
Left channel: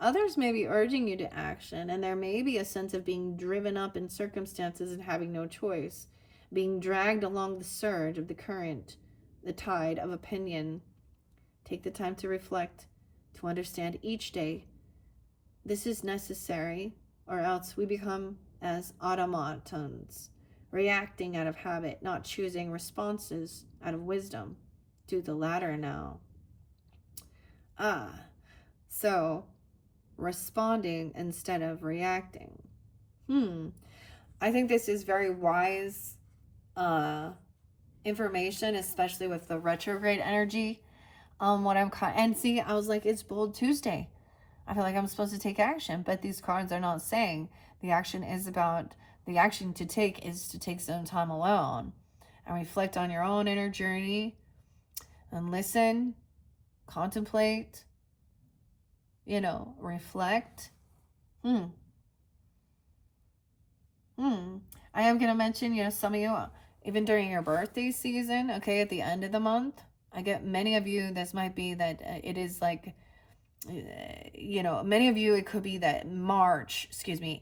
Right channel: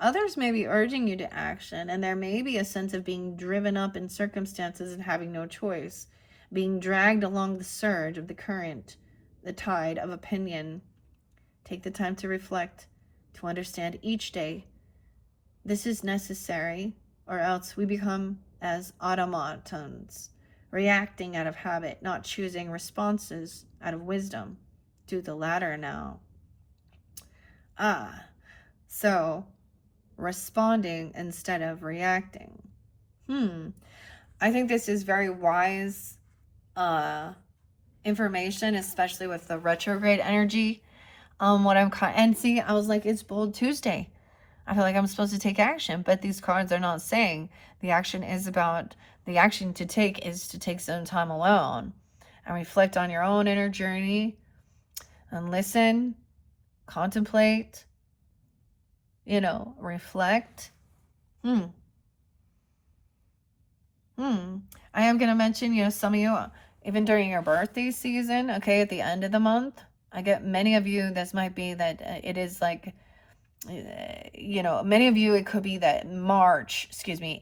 Others may be urging you to action, and there may be a sense of being driven up in circumstances and having no choice, being dragged along the surge of the current, the tide of opinion. Take the time to reflect, to understand each day. This is necessary, or else we become as automatons, reacting out of habit, not choosing responses out of wisdom. Do the latter now. So responding instead of reacting. I think this is very wise information, especially with the retrograde energy. What I'm and see, I was like, it's Bold Tuesday. I feel like I'm supposed to take action, but these cards are not saying the action to take is to take some time alone and reflect on your own inner journey and listen, contemplate, reflect. I am going to mention, some of you, even during your birthday season, okay, at the end of the month, I get many of you, this might be that it is like, many of you, it could be that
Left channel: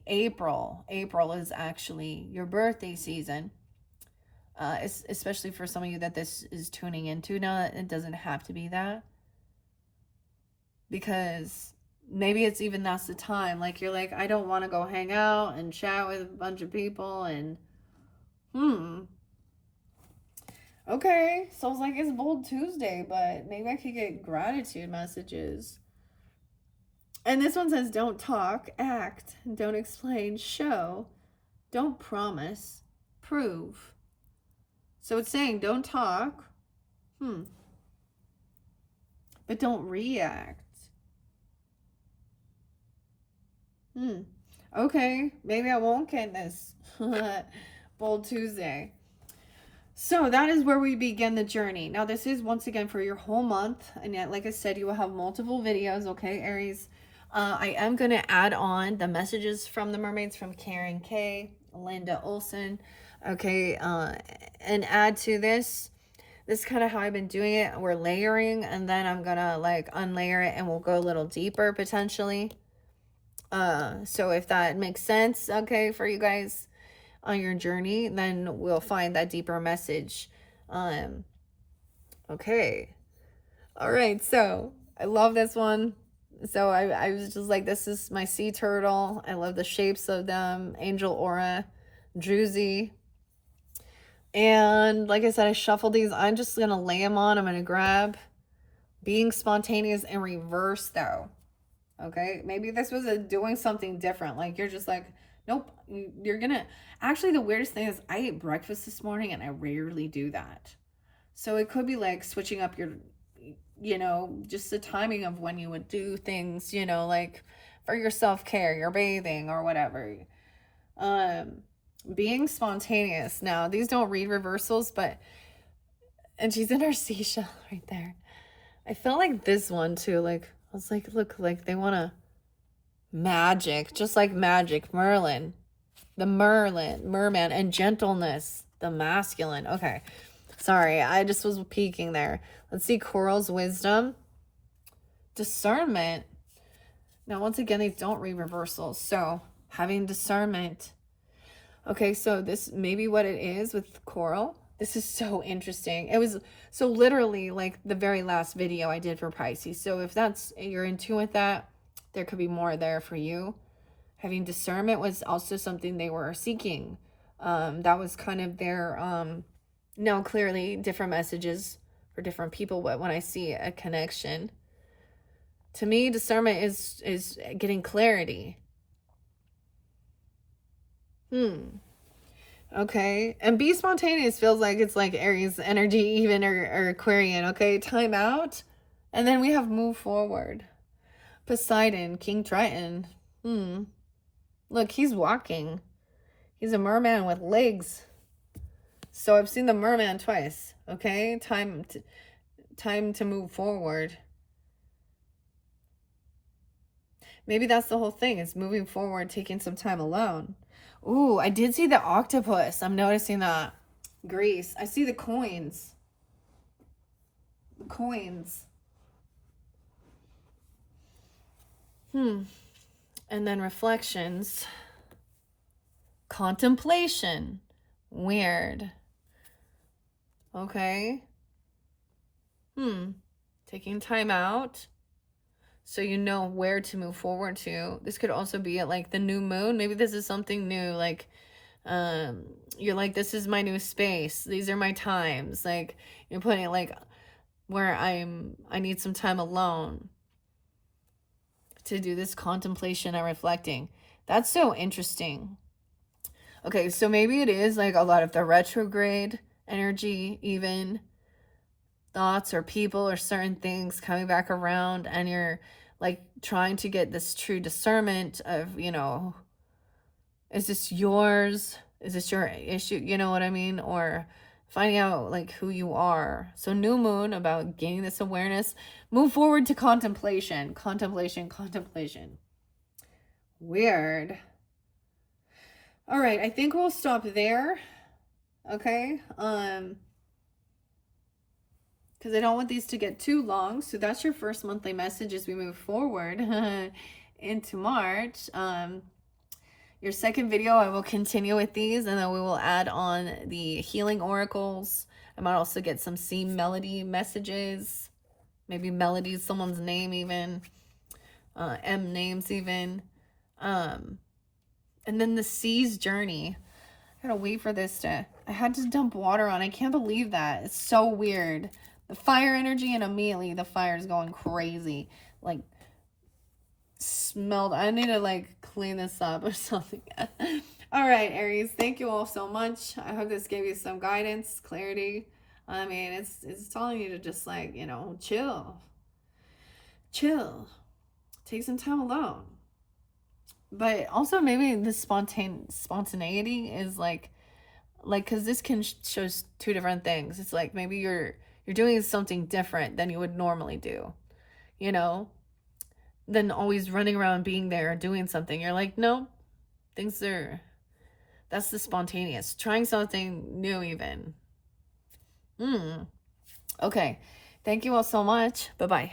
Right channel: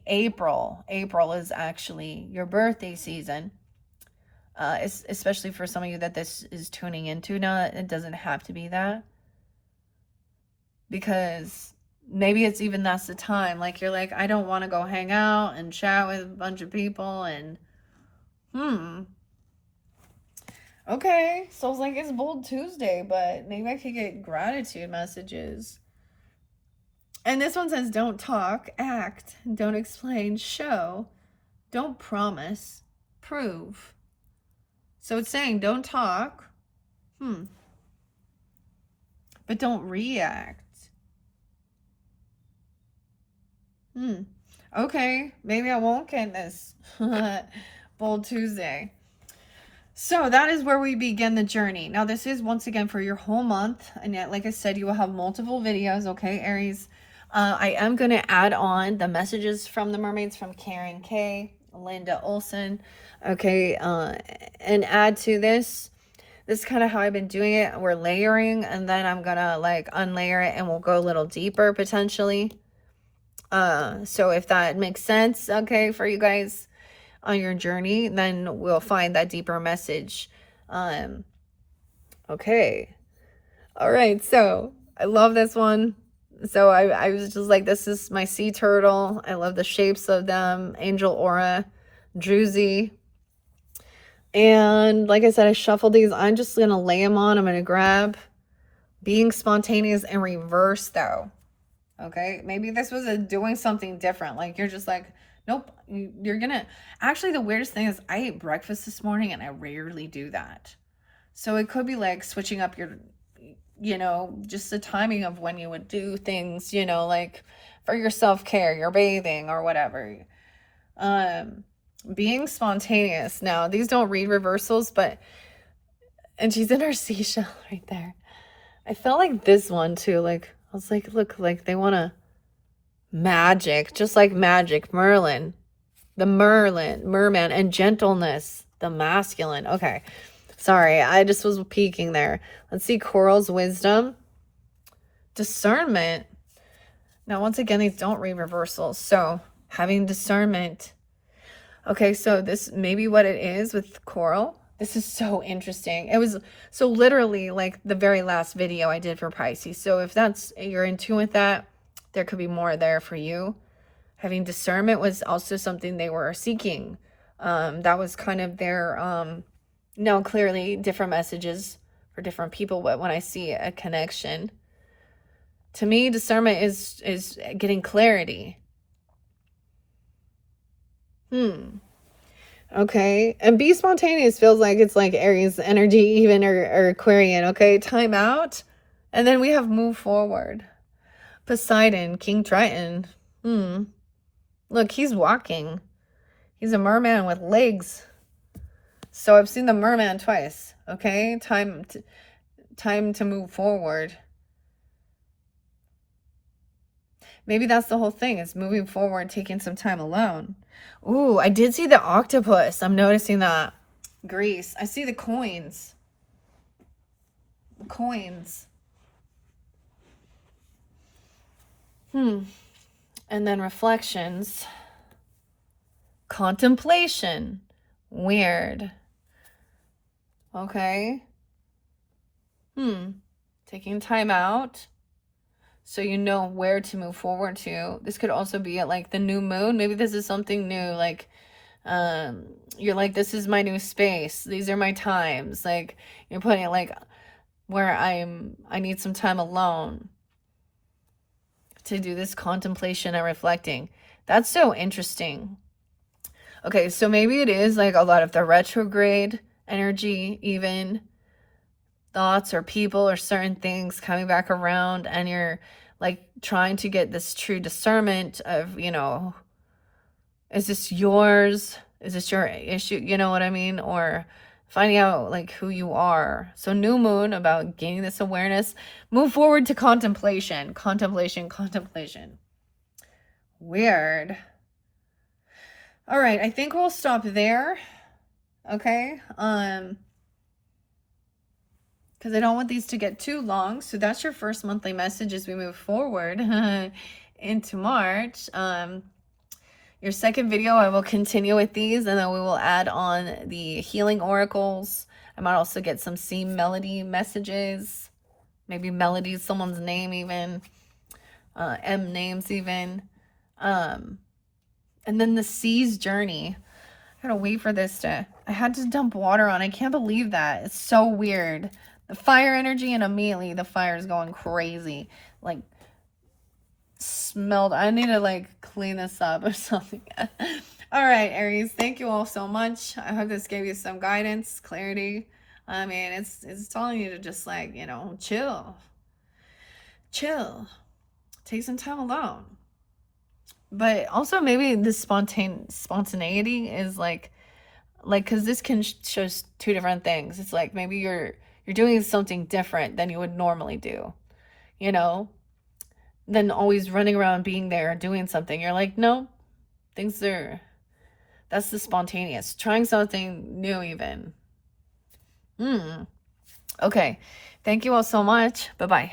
April is actually your birthday season. Especially for some of you that this is tuning into. Now, it doesn't have to be that. Because maybe it's even that's the time. Like, you're like, I don't want to go hang out and chat with a bunch of people and, okay, so it's like, it's Bold Tuesday, but maybe I could get gratitude messages. And this one says, don't talk, act, don't explain, show, don't promise, prove. So it's saying, don't talk, but don't react. Okay, maybe I won't get this Bold Tuesday. So that is where we begin the journey. Now, this is once again for your whole month. And yet, like I said, you will have multiple videos, okay, Aries? I am going to add on the messages from the mermaids from Karen K, Linda Olson, okay, and add to this. This is kind of how I've been doing it. We're layering, and then I'm going to like unlayer it, and we'll go a little deeper potentially. So if that makes sense, okay, for you guys on your journey, then we'll find that deeper message. Okay. All right. So I love this one. So I was just like, this is my sea turtle. I love the shapes of them. Angel Aura, Druzy. And like I said, I shuffled these. I'm just going to lay them on. I'm going to grab Being Spontaneous in reverse though. Okay, maybe this was a doing something different. Like you're just like, nope, you're gonna. Actually, the weirdest thing is I ate breakfast this morning and I rarely do that. So it could be like switching up your, just the timing of when you would do things, like for your self care, your bathing or whatever. Um, Being spontaneous. Now, these don't read reversals, but, and she's in her seashell right there. I felt like this one too. Like, I was like, look, like they want to magic, just like magic. Merlin, the merman, and gentleness, the masculine. Okay. Sorry, I just was peeking there. Let's see Coral's wisdom. Discernment. Now, once again, these don't read reversals. So, having discernment. Okay, so this may be what it is with Coral. This is so interesting. It was so literally like the very last video I did for Pisces. So if you're in tune with that, there could be more there for you. Having discernment was also something they were seeking. That was kind of their, no, clearly different messages for different people. But when I see a connection, to me, discernment is getting clarity. Okay. And be spontaneous feels like it's like Aries energy, even or Aquarian. Okay. Time out. And then we have move forward. Poseidon, King Triton. Look, he's walking. He's a merman with legs. So I've seen the merman twice. Okay. Time to move forward. Maybe that's the whole thing. It's moving forward, taking some time alone. Ooh, I did see the octopus. I'm noticing that. Greece. I see the coins. Coins. And then reflections. Contemplation. Weird. Okay. Taking time out so you know where to move forward to. This could also be at like the new moon. Maybe this is something new. Like, you're like, this is my new space. These are my times. Like, you're putting it like where I need some time alone to do this contemplation and reflecting. That's so interesting. Okay, so maybe it is like a lot of the retrograde energy, even thoughts or people or certain things coming back around, and you're like trying to get this true discernment of, is this yours? Is this your issue? You know what I mean? Or finding out like who you are. So new moon, about gaining this awareness. Move forward to contemplation. Contemplation. Weird. All right, I think we'll stop there. Okay. Because I don't want these to get too long. So that's your first monthly message as we move forward into March. Your second video, I will continue with these, and then we will add on the healing oracles. I might also get some sea melody messages. Maybe Melody, someone's name even. M names even. And then the sea's journey. I gotta wait for this to... I had to dump water on. I can't believe that. It's so weird. The fire energy, and immediately the fire is going crazy. Like, smelled. I need to like clean this up or something. All right, Aries, thank you all so much. I hope this gave you some guidance, clarity. I mean, it's telling you to just like, chill, take some time alone. But also maybe this spontaneity is like because this can show two different things. It's like maybe you're doing something different than you would normally do, than always running around being there doing something. You're like, no, that's the spontaneous, trying something new even. Okay, thank you all so much. Bye-bye.